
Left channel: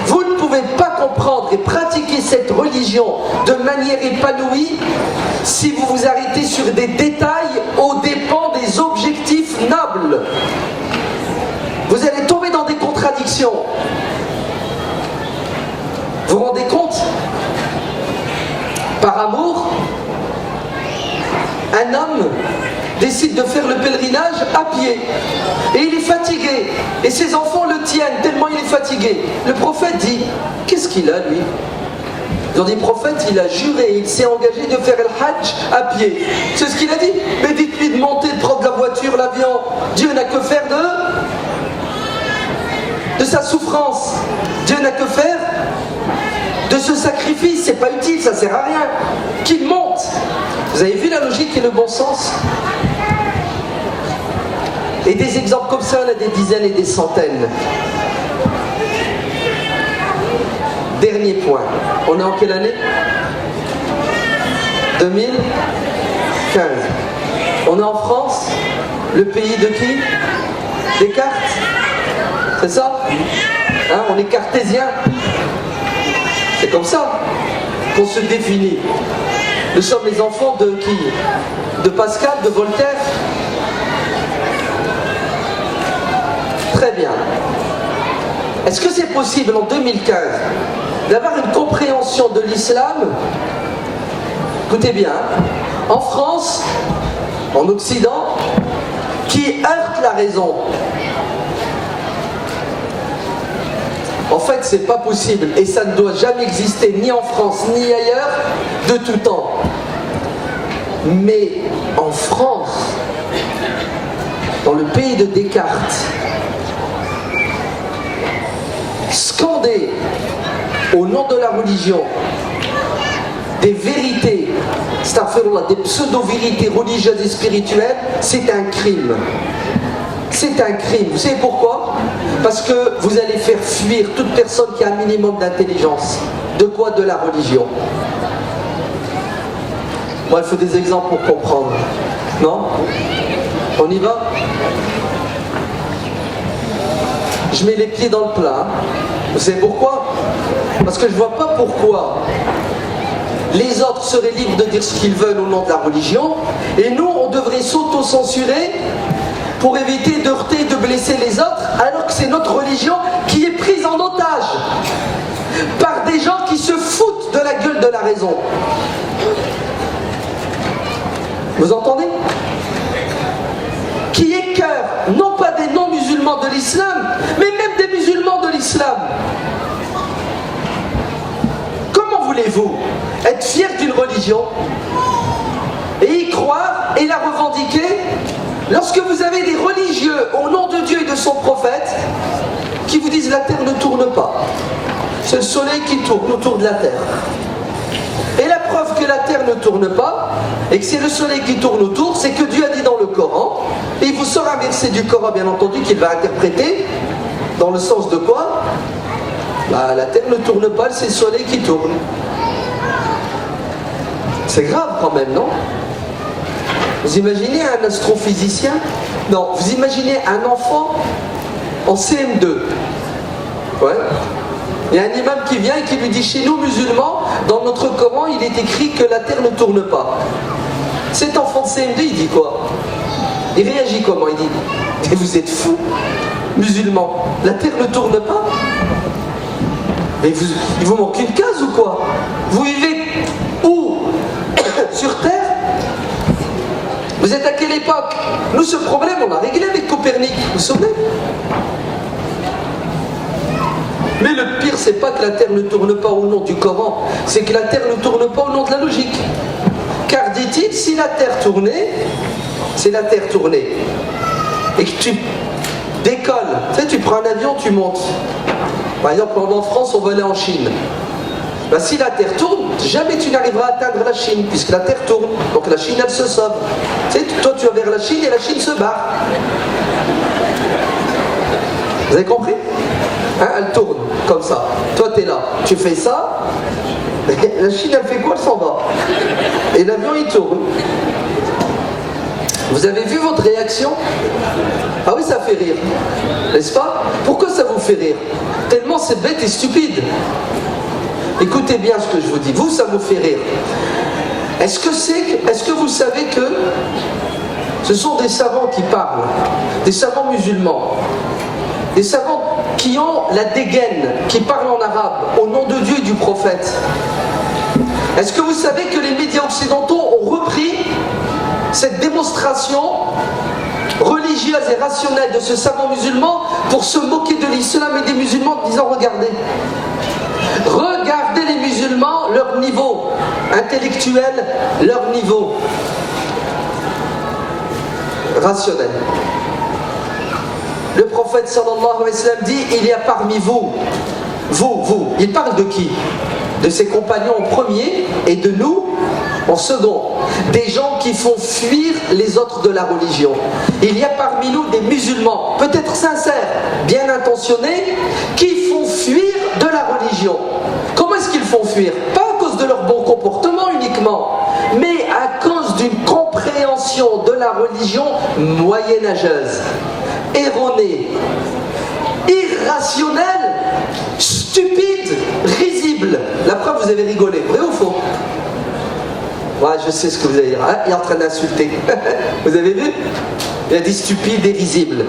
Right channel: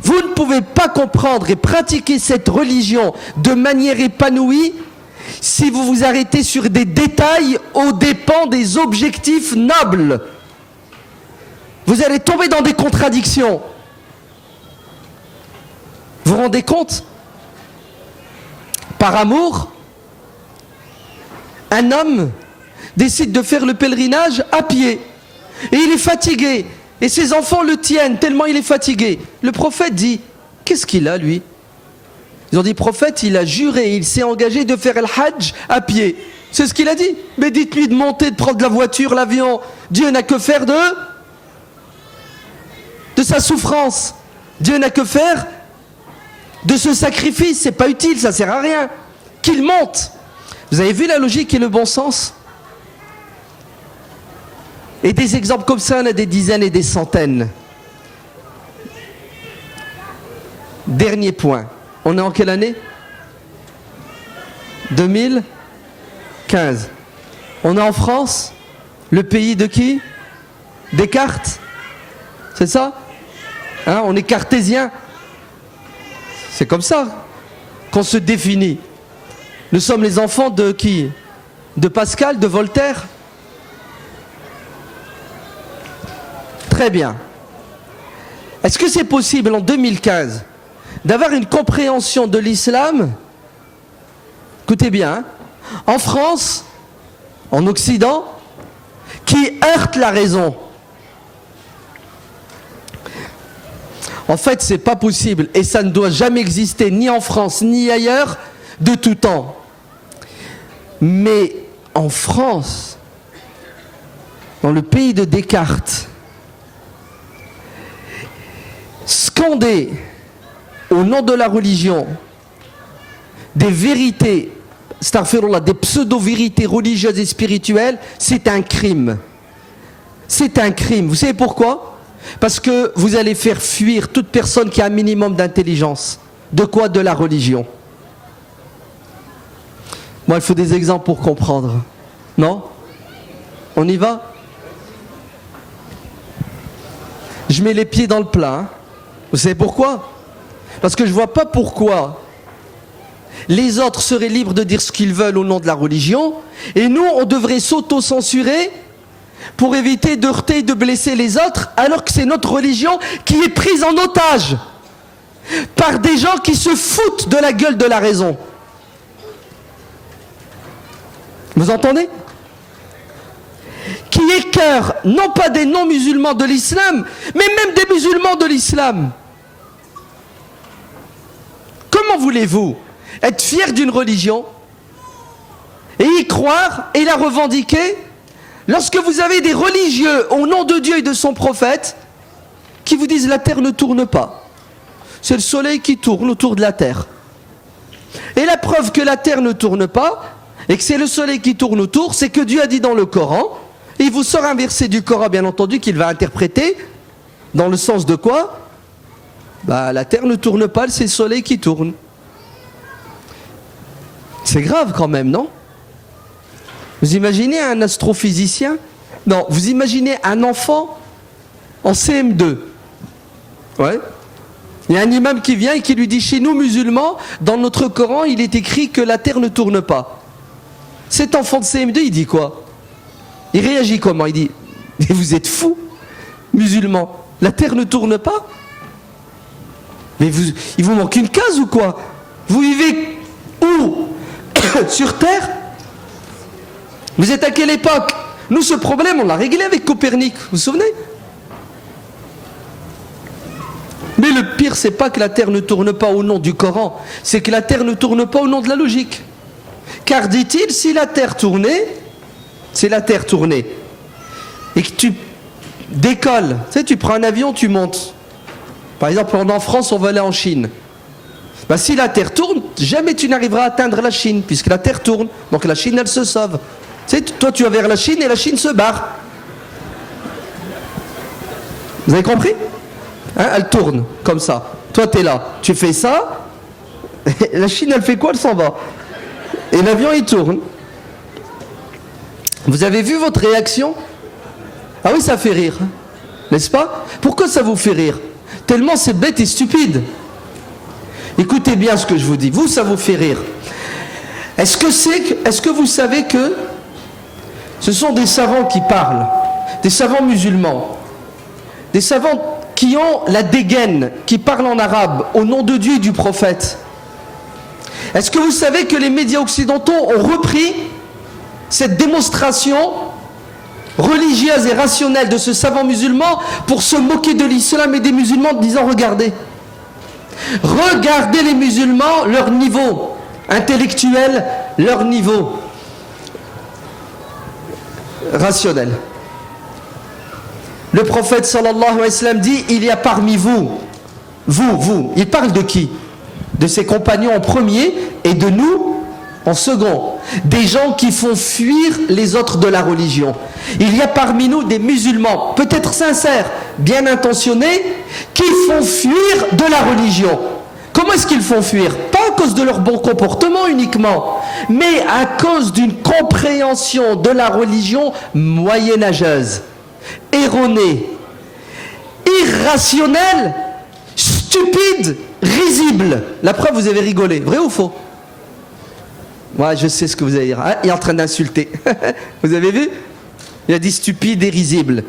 Vous ne pouvez pas comprendre et pratiquer cette religion de manière épanouie si vous vous arrêtez sur des détails aux dépens des objectifs nobles. Vous allez tomber dans des contradictions. Vous vous rendez compte? Par amour, un homme décide de faire le pèlerinage à pied. Et il est fatigué. Et ses enfants le tiennent tellement il est fatigué. Le prophète dit, qu'est-ce qu'il a lui? Ils ont dit, prophète, il a juré, il s'est engagé de faire le hajj à pied. C'est ce qu'il a dit. Mais dites-lui de monter, de prendre la voiture, l'avion. Dieu n'a que faire de sa souffrance. Dieu n'a que faire de ce sacrifice. C'est pas utile, ça sert à rien. Qu'il monte. Vous avez vu la logique et le bon sens? Et des exemples comme ça, on a des dizaines et des centaines. Dernier point. On est en quelle année? 2015. On est en France, le pays de qui? Descartes. C'est ça? Hein, on est cartésien. C'est comme ça qu'on se définit. Nous sommes les enfants de qui? De Pascal, de Voltaire? Très bien. Est-ce que c'est possible en 2015 d'avoir une compréhension de l'islam? Écoutez bien, en France, en Occident, qui heurte la raison? En fait, c'est pas possible et ça ne doit jamais exister ni en France ni ailleurs de tout temps. Mais en France, dans le pays de Descartes, scander au nom de la religion des vérités, des pseudo-vérités religieuses et spirituelles, c'est un crime. C'est un crime. Vous savez pourquoi? Parce que vous allez faire fuir toute personne qui a un minimum d'intelligence. De quoi? De la religion. Moi, il faut des exemples pour comprendre. Non? On y va? Je mets les pieds dans le plat. Vous savez pourquoi? Parce que je ne vois pas pourquoi les autres seraient libres de dire ce qu'ils veulent au nom de la religion et nous, on devrait s'auto-censurer pour éviter de heurter et de blesser les autres alors que c'est notre religion qui est prise en otage par des gens qui se foutent de la gueule de la raison. Vous entendez? Qui écœurent non pas des non-musulmans de l'islam, mais même des musulmans de l'islam. voulez-vous? Être fier d'une religion et y croire et la revendiquer lorsque vous avez des religieux au nom de Dieu et de son prophète qui vous disent la terre ne tourne pas. C'est le soleil qui tourne autour de la terre. Et la preuve que la terre ne tourne pas et que c'est le soleil qui tourne autour, c'est que Dieu a dit dans le Coran, et il vous sort un verset du Coran bien entendu qu'il va interpréter dans le sens de quoi? La terre ne tourne pas, c'est le soleil qui tourne. C'est grave quand même, non? Vous imaginez un astrophysicien? Non, vous imaginez un enfant en CM2. Ouais. Il y a un imam qui vient et qui lui dit, chez nous musulmans, dans notre Coran, il est écrit que la terre ne tourne pas. Cet enfant de CM2, il dit quoi? Il réagit comment? Il dit, mais vous êtes fous, musulmans, la terre ne tourne pas? Mais il vous manque une case ou quoi? Vous vivez où? Sur terre? Vous êtes à quelle époque? Nous, ce problème, on l'a réglé avec Copernic, vous vous souvenez? Mais le pire, c'est pas que la terre ne tourne pas au nom du Coran, c'est que la terre ne tourne pas au nom de la logique. Car dit-il, si la terre tournait, c'est la terre tournée, et que tu décolles, tu sais, tu prends un avion, tu montes. Par exemple, en France, on va aller en Chine. Ben, si la terre tourne, jamais tu n'arriveras à atteindre la Chine, puisque la terre tourne. Donc la Chine, elle se sauve. Tu sais, toi, tu vas vers la Chine et la Chine se barre. Vous avez compris? Hein, elle tourne comme ça. Toi, tu es là. Tu fais ça. Et la Chine, elle fait quoi? Elle s'en va. Et l'avion, il tourne. Vous avez vu votre réaction? Ah oui, ça fait rire. N'est-ce pas? Pourquoi ça vous fait rire? Tellement c'est bête et stupide. Écoutez bien ce que je vous dis. Vous, ça vous fait rire. Est-ce que vous savez que ce sont des savants qui parlent, des savants musulmans, des savants qui ont la dégaine, qui parlent en arabe, au nom de Dieu et du prophète? Est-ce que vous savez que les médias occidentaux ont repris cette démonstration religieuse et rationnelle de ce savant musulman pour se moquer de l'islam et des musulmans en disant regardez les musulmans, leur niveau intellectuel, leur niveau rationnel. Le prophète sallallahu alayhi wa sallam dit, il y a parmi vous, il parle de qui? De ses compagnons en premier et de nous en second. Des gens qui font fuir les autres de la religion. Il y a parmi nous des musulmans, peut-être sincères, bien intentionnés, qui font fuir de la religion. Comment est-ce qu'ils font fuir? Pas à cause de leur bon comportement uniquement, mais à cause d'une compréhension de la religion moyenâgeuse, erronée, irrationnelle, stupide, risible. La preuve, vous avez rigolé, vrai ou faux? Ouais, je sais ce que vous allez dire. Hein, il est en train d'insulter. Vous avez vu? Il a dit stupide et risible.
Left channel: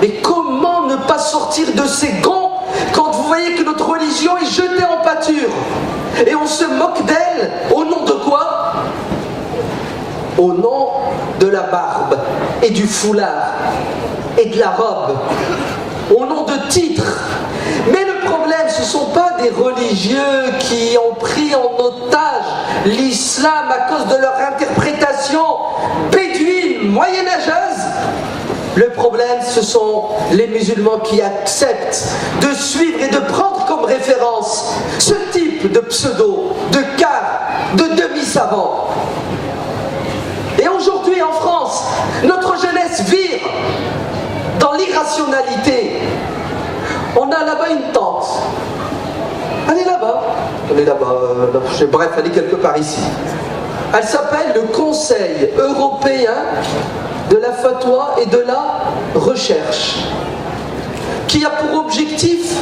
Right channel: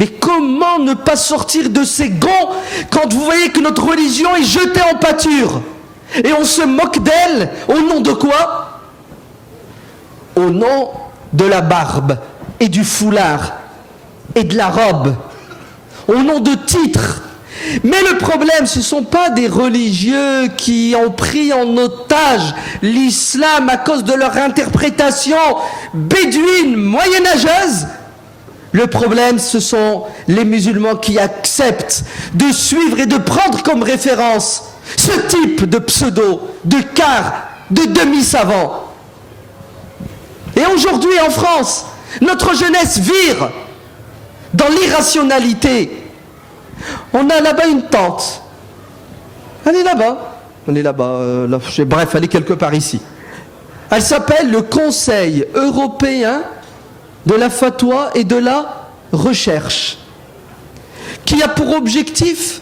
Mais comment ne pas sortir de ces gonds quand vous voyez que notre religion est jetée en pâture? Et on se moque d'elle. Au nom de quoi? Au nom de la barbe et du foulard et de la robe. Au nom de titres. Mais le problème, ce ne sont pas des religieux qui ont pris en otage l'islam à cause de leur interprétation bédouine, moyenâgeuse. Le problème, ce sont les musulmans qui acceptent de suivre et de prendre comme référence ce type de pseudo, de quart, de demi-savants. Et aujourd'hui en France, notre jeunesse vire dans l'irrationalité. On a là-bas une tente. Elle est là-bas. Elle est là-bas. Bref, elle est quelque part ici. Elle s'appelle le Conseil européen de la fatwa et de la recherche, qui a pour objectif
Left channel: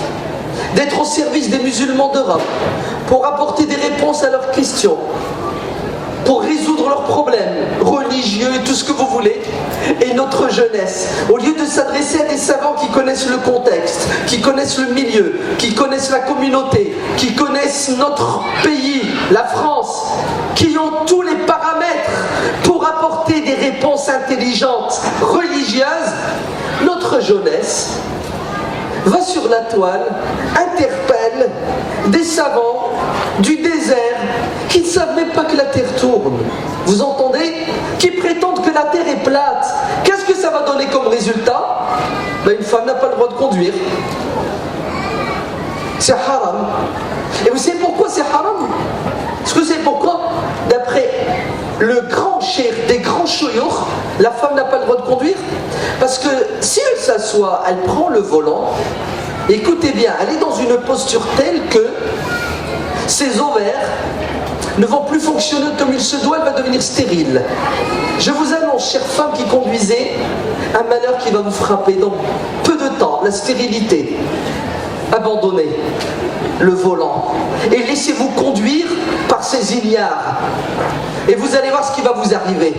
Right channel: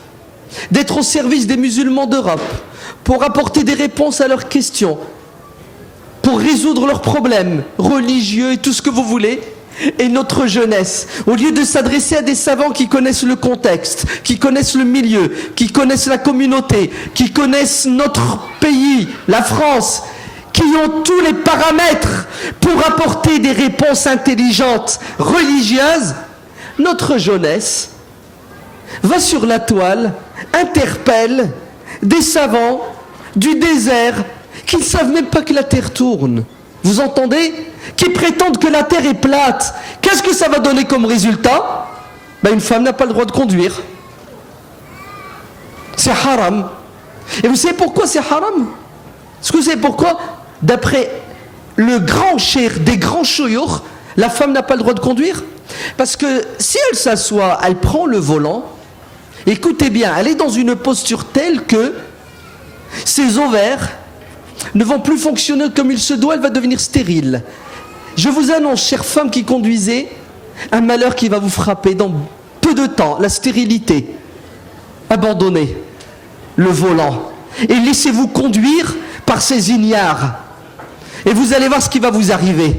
d'être au service des musulmans d'Europe, pour apporter des réponses à leurs questions, pour résoudre leurs problèmes religieux et tout ce que vous voulez. Et notre jeunesse, au lieu de s'adresser à des savants qui connaissent le contexte, qui connaissent le milieu, qui connaissent la communauté, qui connaissent notre pays, la France, qui ont tous les paramètres pour apporter des réponses intelligentes, religieuses, notre jeunesse va sur la toile, interpelle des savants du désert, qui ne savent même pas que la terre tourne. Vous entendez? Qui prétendent que la terre est plate. Qu'est-ce que ça va donner comme résultat? Une femme n'a pas le droit de conduire. C'est haram. Et vous savez pourquoi c'est haram? Est-ce que vous savez pourquoi? D'après le grand cheikh des grands chouyours, la femme n'a pas le droit de conduire. Parce que si elle s'assoit, elle prend le volant, écoutez bien, elle est dans une posture telle que ses ovaires ne vont plus fonctionner comme il se doit, elle va devenir stérile. Je vous annonce, chère femme qui conduisez, un malheur qui va vous frapper dans peu de temps, la stérilité. Abandonnez le volant et laissez-vous conduire par ces ignares. Et vous allez voir ce qui va vous arriver.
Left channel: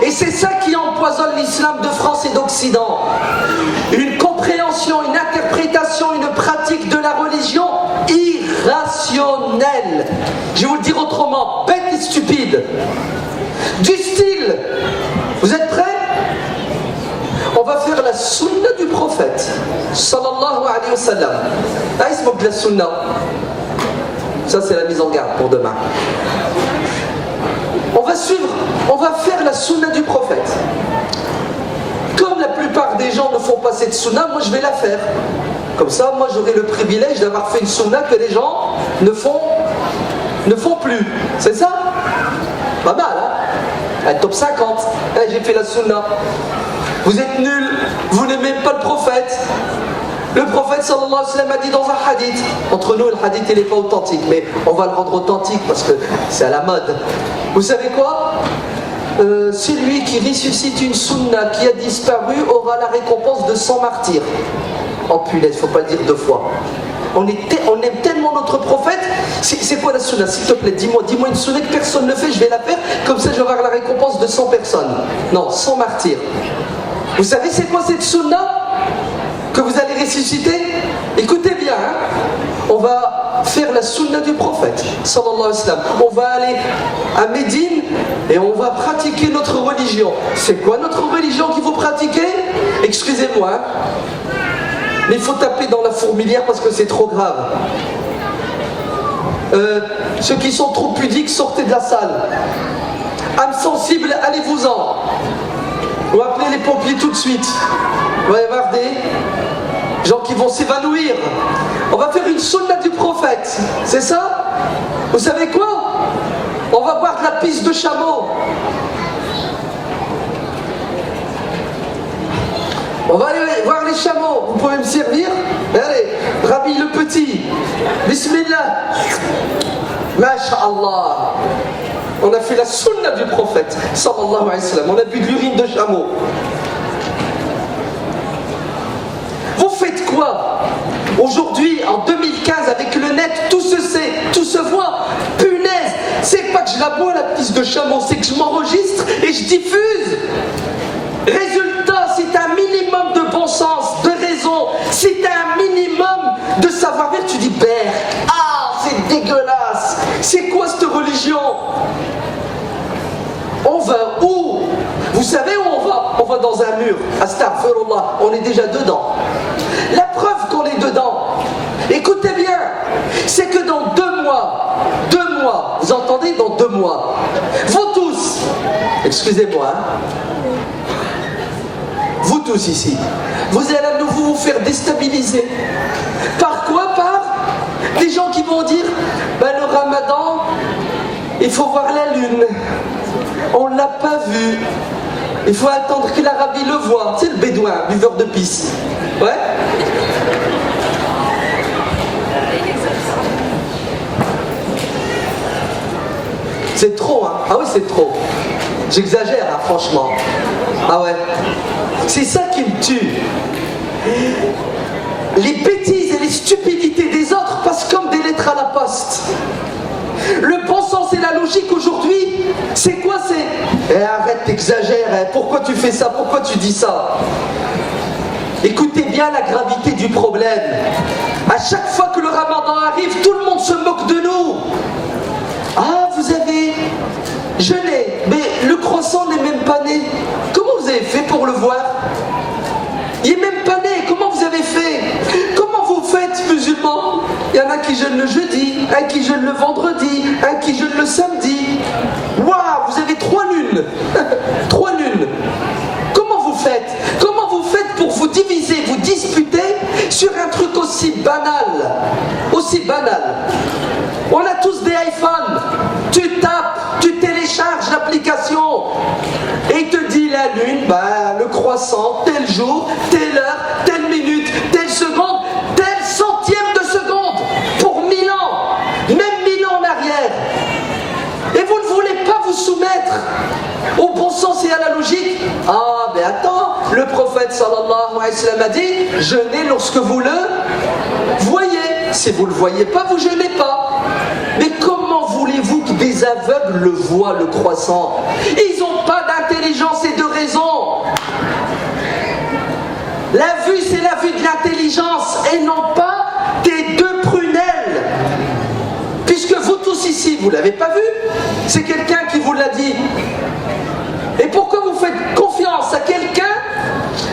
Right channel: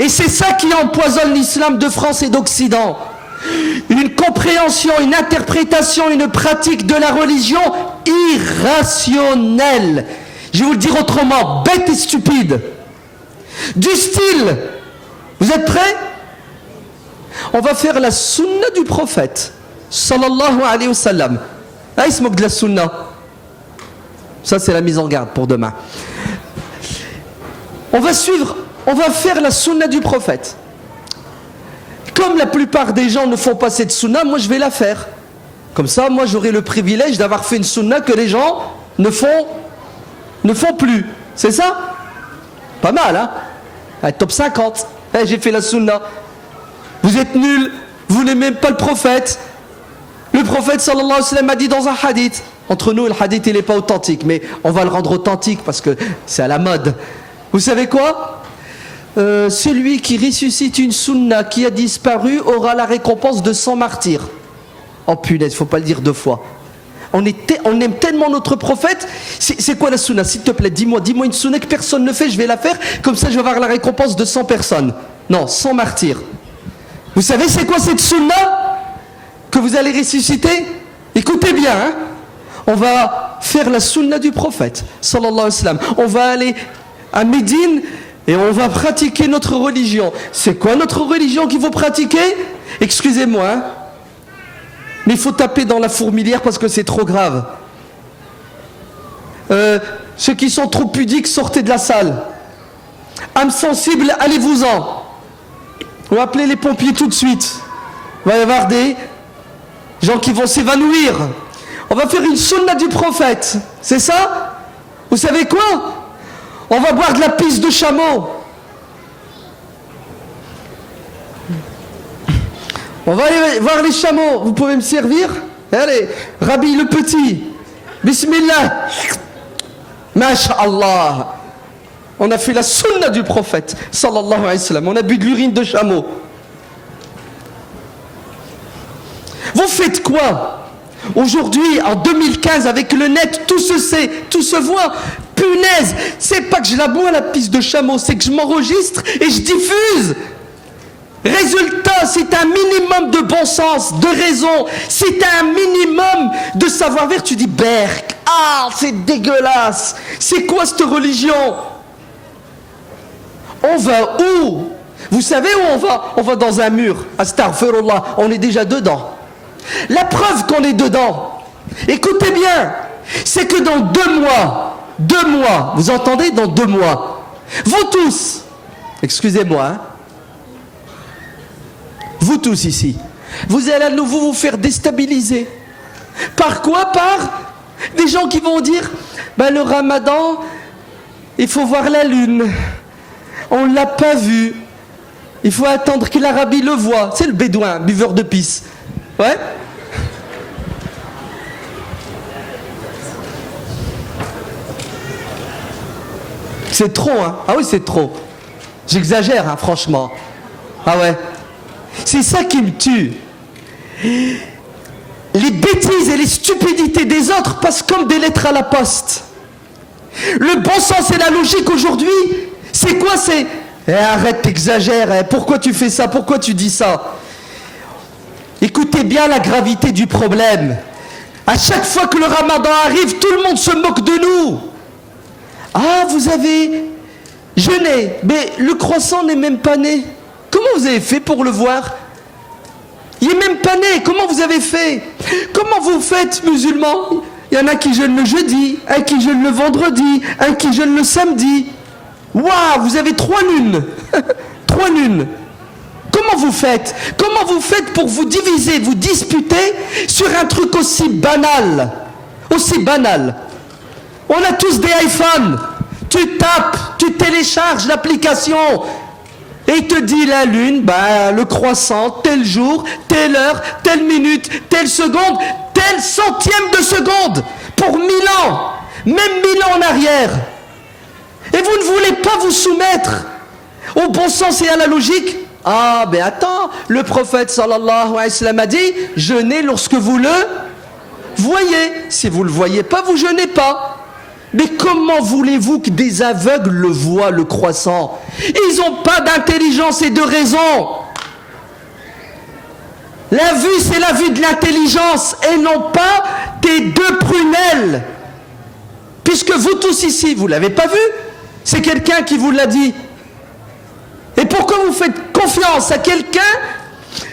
Et c'est ça qui empoisonne l'islam de France et d'Occident. Une compréhension, une interprétation, une pratique de la religion irrationnelle. Je vais vous le dire autrement, bête et stupide. Du style, vous êtes prêts? On va faire la sunna du prophète, sallallahu alayhi wa sallam. Ah, il se moque de la sunna. Ça, c'est la mise en garde pour demain. On va faire la sunna du prophète. Comme la plupart des gens ne font pas cette sunna, moi je vais la faire. Comme ça, moi j'aurai le privilège d'avoir fait une sunna que les gens ne font plus. C'est ça? Pas mal, hein? Top 50. J'ai fait la sunna. Vous êtes nuls, vous n'aimez même pas le prophète. Le prophète sallallahu alayhi wa sallam a dit dans un hadith, entre nous le hadith il n'est pas authentique, mais on va le rendre authentique parce que c'est à la mode. Vous savez quoi? Celui qui ressuscite une sunna qui a disparu aura la récompense de 100 martyrs. Oh punaise, il ne faut pas le dire deux fois. On aime tellement notre prophète. C'est quoi la sunna? S'il te plaît, dis-moi une sunna que personne ne fait, je vais la faire, comme ça je vais avoir la récompense de 100 personnes. Non, 100 martyrs. Vous savez c'est quoi cette sunna que vous allez ressusciter? Écoutez bien, hein? On va faire la sunna du prophète, sallallahu alayhi wa sallam. On va aller à Médine et on va pratiquer notre religion. C'est quoi notre religion qu'il faut pratiquer? Excusez-moi, hein? Mais il faut taper dans la fourmilière parce que c'est trop grave. Ceux qui sont trop pudiques, sortez de la salle. Âme sensible, allez-vous-en. On va appeler les pompiers tout de suite. On va y avoir des gens qui vont s'évanouir. On va faire une sunna du prophète. C'est ça? Vous savez quoi? On va boire de la pisse de chameau. On va aller voir les chameaux. Vous pouvez me servir? Allez, Rabbi le petit. Bismillah. Masha'Allah. On a fait la sunna du prophète, sallallahu alayhi wa sallam. On a bu de l'urine de chameau. Vous faites quoi? Aujourd'hui, en 2015, avec le net, tout se sait, tout se voit. Punaise, c'est pas que je la bois la pisse de chameau, c'est que je m'enregistre et je diffuse. Résultat, c'est un minimum de bon sens, de raison, c'est un minimum de savoir-faire. Tu dis, Berk, ah, c'est dégueulasse. C'est quoi cette religion? On va où? Vous savez où on va? On va dans un mur. Astaghfirullah, on est déjà dedans. La preuve qu'on est dedans, écoutez bien, c'est que dans 2 mois, vous entendez, dans 2 mois, vous tous, excusez-moi, hein, vous tous ici, vous allez à nouveau vous faire déstabiliser. Par quoi? Par des gens qui vont dire, ben, le ramadan, il faut voir la lune. On ne l'a pas vu. Il faut attendre que l'Arabie le voie. C'est le bédouin, buveur de pisse. Ouais? C'est trop, hein? Ah oui, c'est trop. J'exagère, hein, franchement. Ah ouais. C'est ça qui me tue. Les bêtises et les stupidités des autres passent comme des lettres à la poste. Le bon sens et la logique aujourd'hui, c'est quoi? C'est arrête, t'exagères, hein. Pourquoi tu fais ça? Pourquoi tu dis ça? Écoutez bien la gravité du problème. À chaque fois que le ramadan arrive, tout le monde se moque de nous. Ah, vous avez jeûné, mais le croissant n'est même pas né. Comment vous avez fait pour le voir? Il n'est même pas né. Comment vous avez avez fait? Comment vous faites, musulmans? Il y en a qui jeûnent le jeudi, un qui jeûne le vendredi, un qui jeûne le samedi. Waouh, vous avez 3 lunes. 3 lunes. Comment vous faites? Comment vous faites pour vous diviser, vous disputer sur un truc aussi banal? Aussi banal. On a tous des iPhones. Tu tapes, tu télécharges l'application et il te dit la lune, le croissant, tel jour, telle heure, telle minute, telle seconde, tel centième de seconde pour 1000 ans, même 1000 ans en arrière. Et vous ne voulez pas vous soumettre au bon sens et à la logique. Ah, ben attends, le prophète sallallahu alayhi wa sallam a dit, jeûnez lorsque vous le voyez. Si vous ne le voyez pas, vous jeûnez pas. Mais comment voulez-vous que des aveugles le voient, le croissant? Ils n'ont pas d'intelligence et de raison. La vue, c'est la vue de l'intelligence et non pas des 2 prunelles. Puisque vous tous ici, vous ne l'avez pas vu. C'est quelqu'un qui vous l'a dit. Et pourquoi vous faites confiance à quelqu'un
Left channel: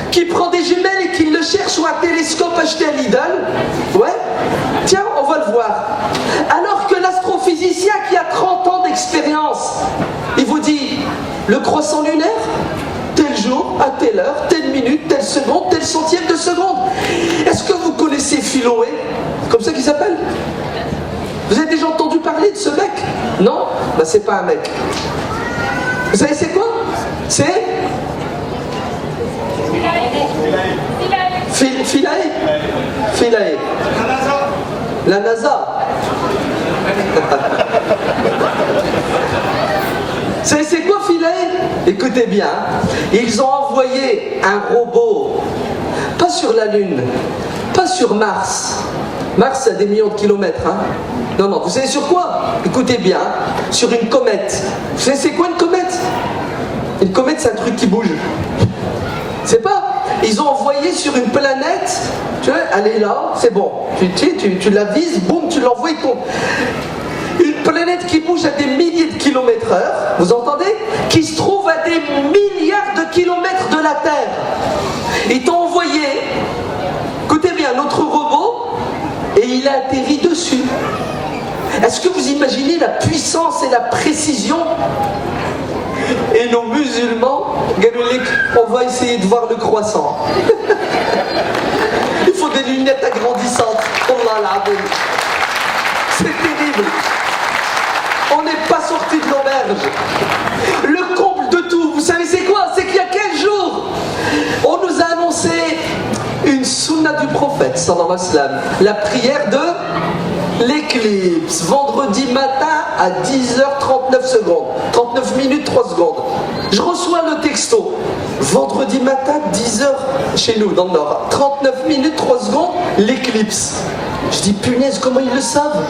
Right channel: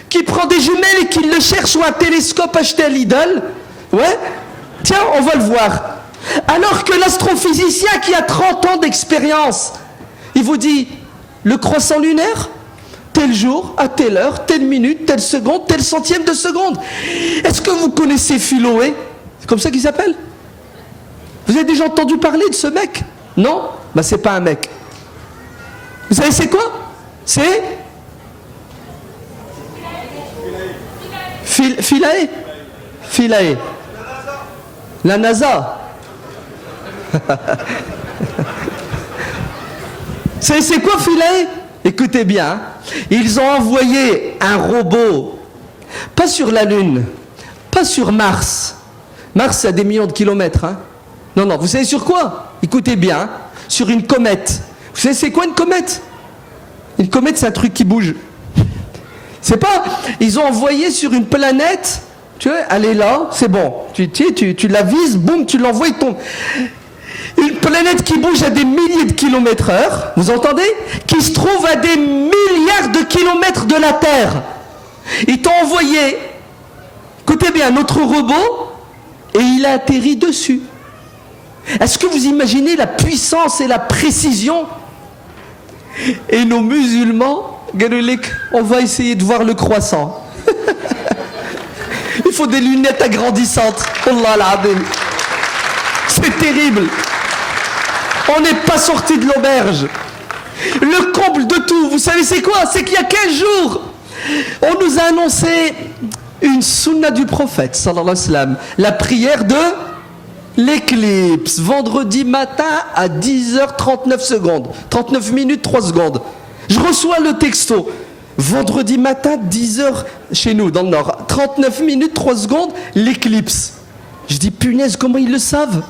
qui prend des jumelles et qui le cherche ou un télescope acheté à Lidl? Ouais. Tiens, on va le voir. Alors que l'astrophysicien qui a 30 ans d'expérience, il vous dit, le croissant lunaire, tel jour, à telle heure, telle minute, telle seconde, tel centième de seconde. Est-ce que vous connaissez Philoé? C'est comme ça qu'il s'appelle? Vous avez déjà entendu parler de ce mec? Non? Ben c'est pas un mec. Vous savez c'est quoi? C'est Philae. Philae. La NASA. C'est quoi Philae? Écoutez bien, ils ont envoyé un robot, pas sur la Lune, pas sur Mars. Mars a des millions de kilomètres. Hein. Non, non, vous savez sur quoi? Écoutez bien, sur une comète. Vous savez c'est quoi une comète? Une comète, c'est un truc qui bouge. C'est pas... Ils ont envoyé sur une planète, tu vois, elle est là, c'est bon. Tu la vises, boum, tu l'envoies, il tombe. Une planète qui bouge à des milliers de kilomètres heure, vous entendez? Qui se trouve à des milliards de kilomètres de la Terre. Ils t'ont envoyé, écoutez bien, notre robot, et il a atterri dessus. Est-ce que vous imaginez la puissance et la précision? Et nos musulmans, on va essayer de voir le croissant. Il faut des lunettes agrandissantes. Allah l'abim. C'est terrible. On n'est pas sorti de l'auberge. Le comble de tout, vous savez c'est quoi? C'est qu'il y a 15 jours, on nous a annoncé une sunna du prophète, sallallahu alayhi wa sallam, la prière de l'éclipse, vendredi matin à 10h39 secondes, 39 minutes 3 secondes. Je reçois le texto, vendredi matin 10h chez nous dans le nord, 39 minutes 3 secondes, l'éclipse. Je dis punaise, comment ils le savent?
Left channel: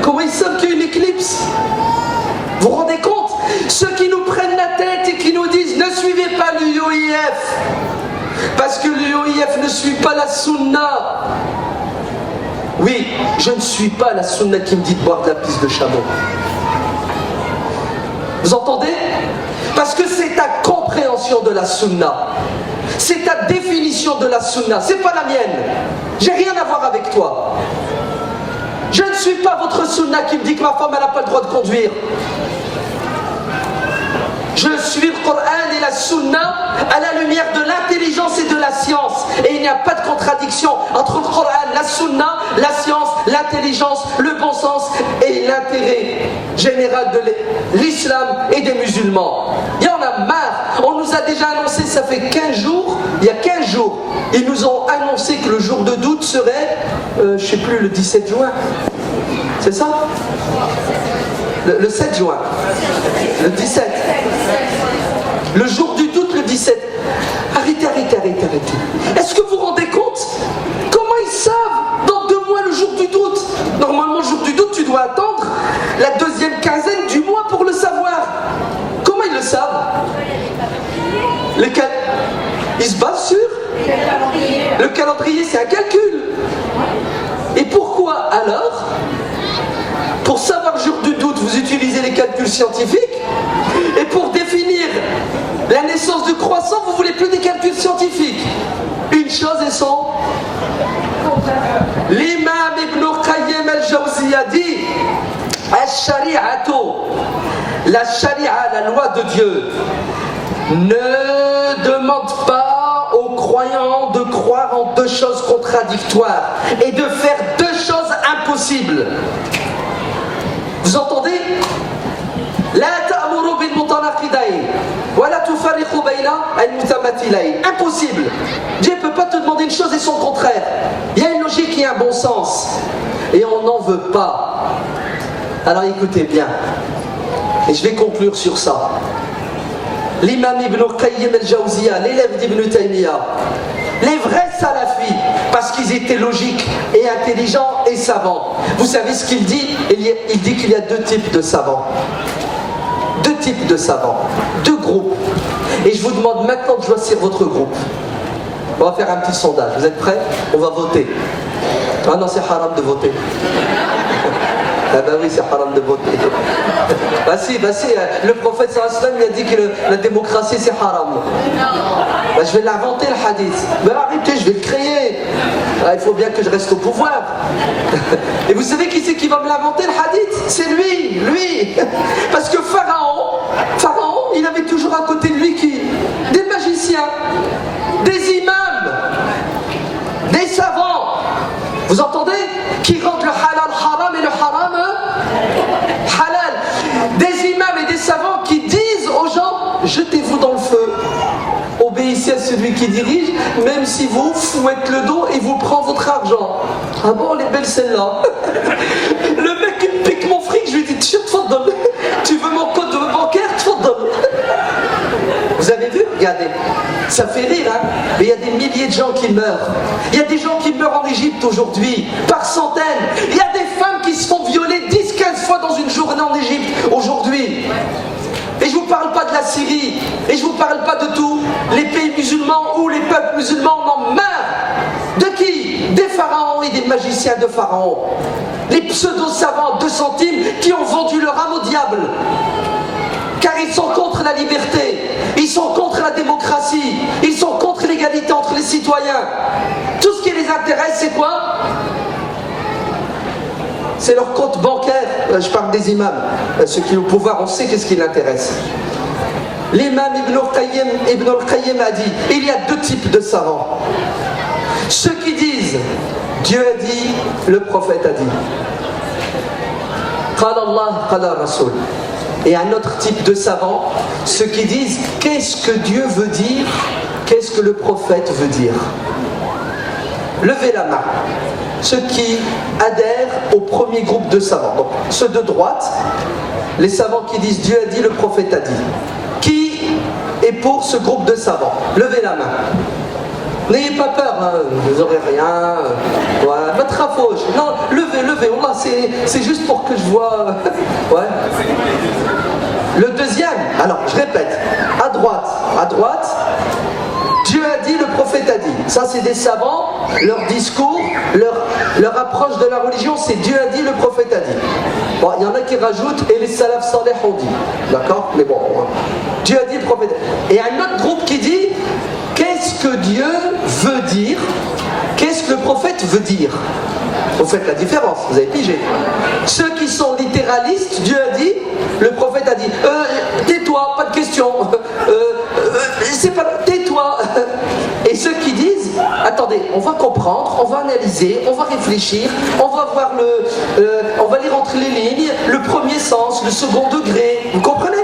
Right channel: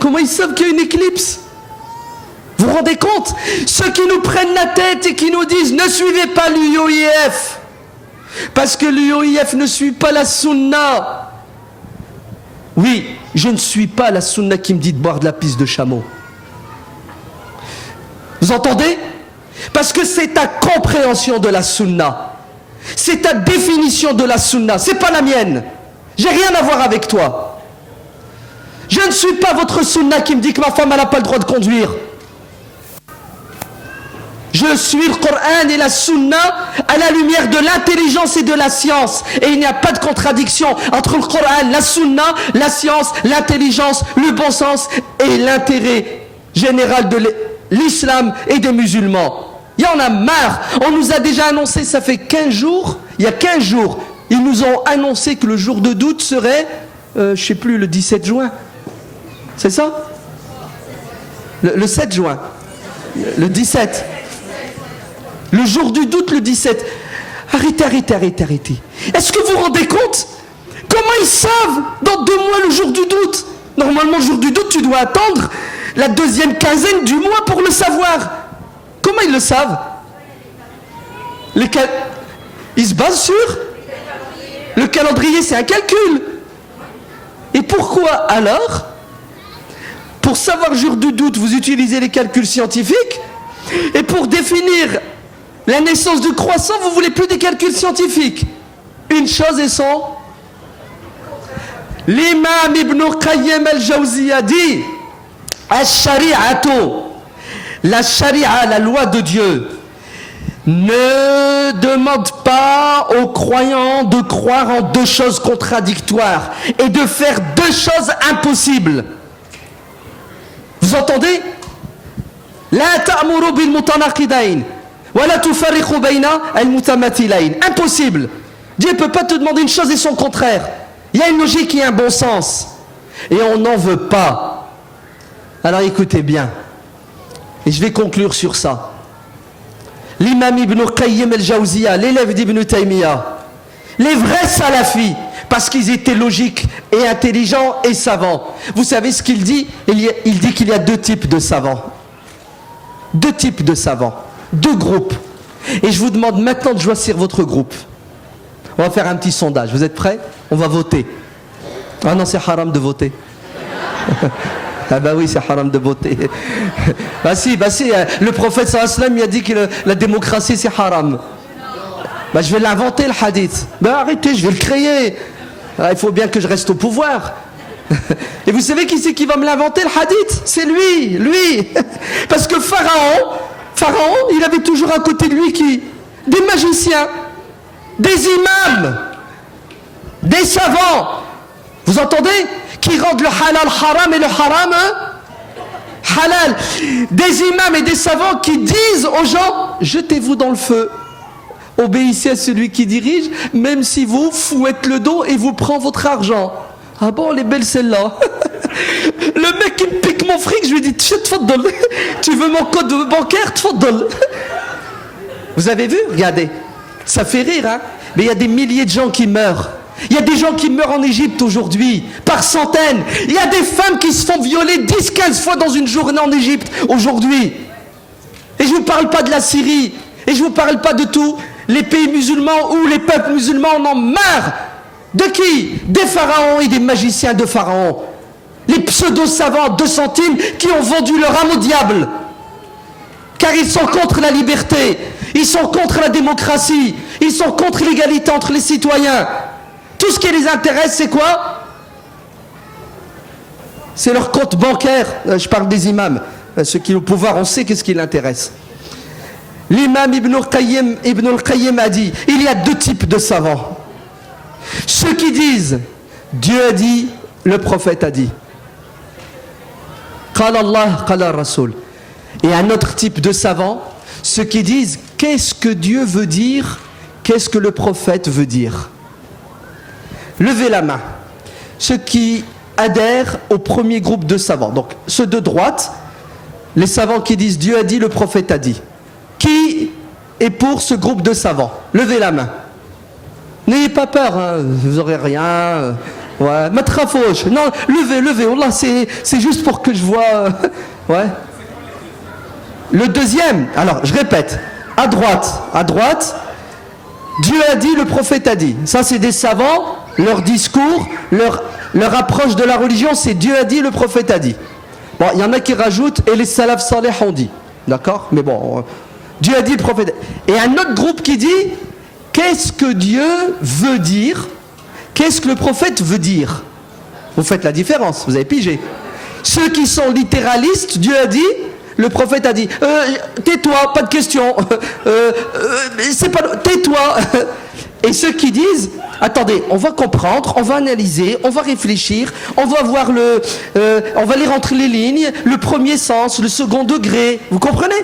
Comment ils savent qu'il y a une éclipse? Vous vous rendez compte? Ceux qui nous prennent la tête et qui nous disent ne suivez pas l'UOIF parce que l'UOIF ne suit pas la sunna. Oui, je ne suis pas la sunna qui me dit de boire de la pisse de chameau. Vous entendez? Parce que c'est ta compréhension de la sunna. C'est ta définition de la sunna. C'est pas la mienne. J'ai rien à voir avec toi. Je ne suis pas votre sunna qui me dit que ma femme n'a pas le droit de conduire. Je suis le Coran et la Sunna à la lumière de l'intelligence et de la science. Et il n'y a pas de contradiction entre le Coran, la Sunna, la science, l'intelligence, le bon sens et l'intérêt général de l'islam et des musulmans. Il y en a marre. On nous a déjà annoncé, ça fait 15 jours, il y a 15 jours, ils nous ont annoncé que le jour de doute serait, je ne sais plus, le 17 juin. C'est ça? Le 7 juin. Le 17. Le jour du doute, le 17. Arrêtez. Est-ce que vous vous rendez compte? Comment ils savent dans 2 mois le jour du doute? Normalement, le jour du doute, tu dois attendre la 2e quinzaine du mois pour le savoir. Comment ils le savent? Ils se basent sur le calendrier, c'est un calcul. Et pourquoi alors? Pour savoir le jour du doute, vous utilisez les calculs scientifiques. Et pour définir la naissance de croissant, vous voulez plus des calculs scientifiques. Une chose est son L'imam Ibn Qayyim al-Jawziyya dit Al-Shari'atu, la Sharia, la loi de Dieu, ne demande pas aux croyants de croire en deux choses contradictoires et de faire deux choses impossibles. Vous entendez? La ta'muru bil mutanaqidayn wa la tufarriqu bayna al mutamathilayn. Impossible. Dieu ne peut pas te demander une chose et son contraire. Il y a une logique et un bon sens. Et on n'en veut pas. Alors écoutez bien. Et je vais conclure sur ça. L'imam Ibn Qayyim al-Jawziyya, l'élève d'Ibn Taymiyyah, les vrais salafis, parce qu'ils étaient logiques et intelligents et savants. Vous savez ce qu'il dit? Il dit qu'il y a deux types de savants. Deux types de savants. Deux groupes. Et je vous demande maintenant de choisir votre groupe. On va faire un petit sondage. Vous êtes prêts? On va voter. Ah non, c'est haram de voter. Ah bah oui, c'est haram de voter. Bah si, le prophète sallallahu alayhi wa sallam, il a dit que la démocratie c'est haram. Bah je vais l'inventer le hadith. Bah arrêtez, je vais le créer. Alors, il faut bien que je reste au pouvoir. Et vous savez qui c'est qui va me l'inventer le hadith? C'est lui. Parce que Pharaon, il avait toujours à côté de lui qui? Des magiciens, des imams, des savants. Vous entendez? Qui rendent le halal haram et le haram halal. Des imams et des savants qui disent aux gens, jetez-vous dans le feu, obéissez à celui qui dirige, même si vous fouettez le dos et vous prend votre argent. Ah bon, elle est belle celle-là. Le mec qui me pique mon fric, je lui dis, tu veux mon code bancaire? Vous avez vu? Regardez, ça fait rire, hein? Mais il y a des milliers de gens qui meurent. Il y a des gens qui meurent en Égypte aujourd'hui, par centaines. Il y a des femmes qui se font violer 10-15 fois dans une journée en Égypte aujourd'hui. Et je ne vous parle pas de la Syrie, et je ne vous parle pas de tous les pays musulmans où les peuples musulmans en ont marre. De qui? Des pharaons et des magiciens de pharaon. Les pseudo-savants 2 centimes qui ont vendu leur âme au diable. Car ils sont contre la liberté, ils sont contre la démocratie, ils sont contre l'égalité entre les citoyens. Tout ce qui les intéresse, c'est quoi? C'est leur compte bancaire. Je parle des imams. Ceux qui ont le pouvoir, on sait qu'est-ce qui les intéresse. L'imam Ibn al-Qayyim a dit, il y a deux types de savants. Ceux qui disent, Dieu a dit, le prophète a dit. Qala Allah, qala Rasul. Et un autre type de savants, ceux qui disent, qu'est-ce que Dieu veut dire? Qu'est-ce que le prophète veut dire? Levez la main. Ceux qui adhèrent au premier groupe de savants. Donc, ceux de droite, les savants qui disent Dieu a dit, le prophète a dit. Qui est pour ce groupe de savants? Levez la main. N'ayez pas peur, hein, vous n'aurez rien. Ouais, matrafouche. Non, levez. Wallah, c'est juste pour que je vois. Ouais. Le deuxième, alors je répète, à droite, Dieu a dit, le prophète a dit. Ça, c'est des savants, leur discours, leur approche de la religion, c'est Dieu a dit, le prophète a dit. Bon, il y en a qui rajoutent, et les salafs salih ont dit. D'accord? Mais bon, Dieu a dit, le prophète a dit. Et un autre groupe qui dit, qu'est-ce que Dieu veut dire? Qu'est-ce que le prophète veut dire? Vous faites la différence, vous avez pigé. Ceux qui sont littéralistes, Dieu a dit, le prophète a dit, tais-toi, pas de question, c'est pas, tais-toi. Et ceux qui disent, attendez, on va comprendre, on va analyser, on va réfléchir, on va voir on va lire entre les lignes, le premier sens, le second degré, vous comprenez?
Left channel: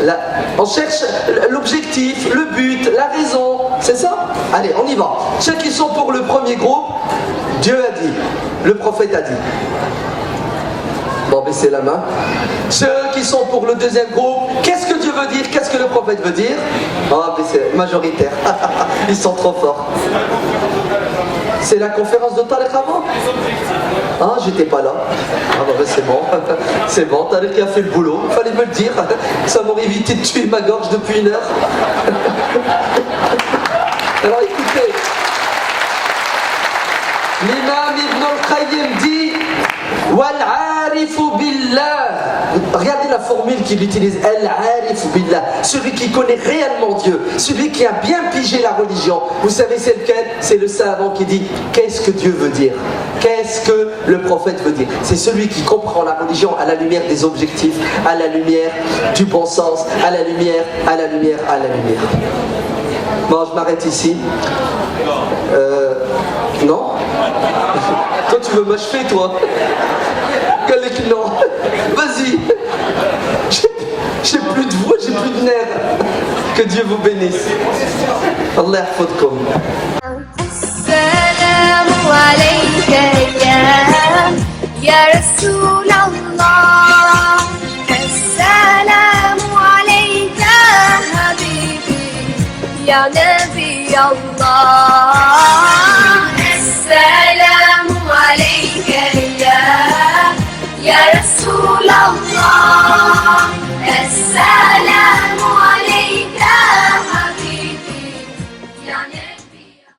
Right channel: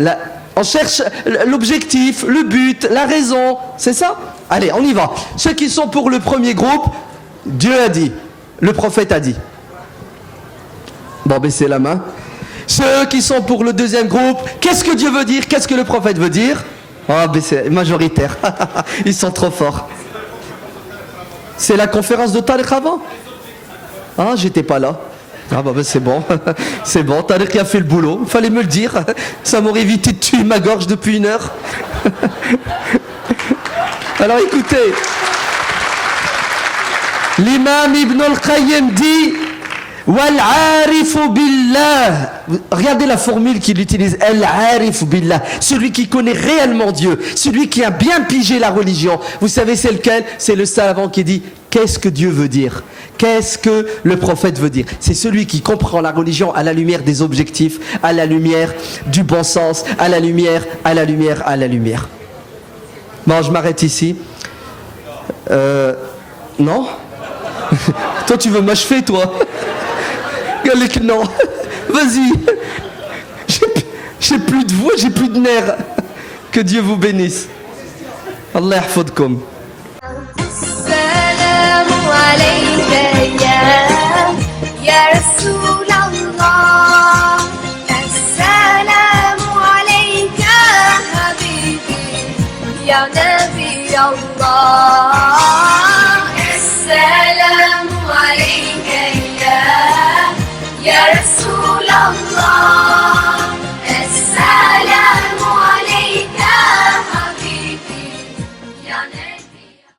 Là, on cherche l'objectif, le but, la raison, c'est ça? Allez, on y va. Ceux qui sont pour le premier groupe, Dieu a dit, le prophète a dit. Bon, baissez la main. Ceux qui sont pour le deuxième groupe, qu'est-ce que Dieu veut dire? Qu'est-ce que le prophète veut dire? Ah, baissez, majoritaire. Ils sont trop forts. C'est la conférence de Tariq avant? Ah, j'étais pas là. Ah bah c'est bon, c'est bon, Tariq a fait le boulot, il fallait me le dire, ça m'aurait évité de tuer ma gorge depuis 1 heure. Alors écoutez, l'imam Ibn al-Qayyim dit Wal-'arifu billah regardez la formule qu'il utilise, Al-Arif Billah, celui qui connaît réellement Dieu, celui qui a bien pigé la religion. Vous savez c'est lequel? C'est le savant qui dit, qu'est-ce que Dieu veut dire? Qu'est-ce que le prophète veut dire? C'est celui qui comprend la religion à la lumière des objectifs, à la lumière du bon sens, à la lumière, à la lumière, à la lumière. Bon, je m'arrête ici. Non? Toi, tu veux m'achever, toi? Non. Vas-y. J'ai plus de voix, j'ai plus de nerfs. Que Dieu vous bénisse. Allah yahfadkoum. السلام عليك يا رسول الله السلام عليك حبيبي يا نبي الله السلام عليك يا رسول الله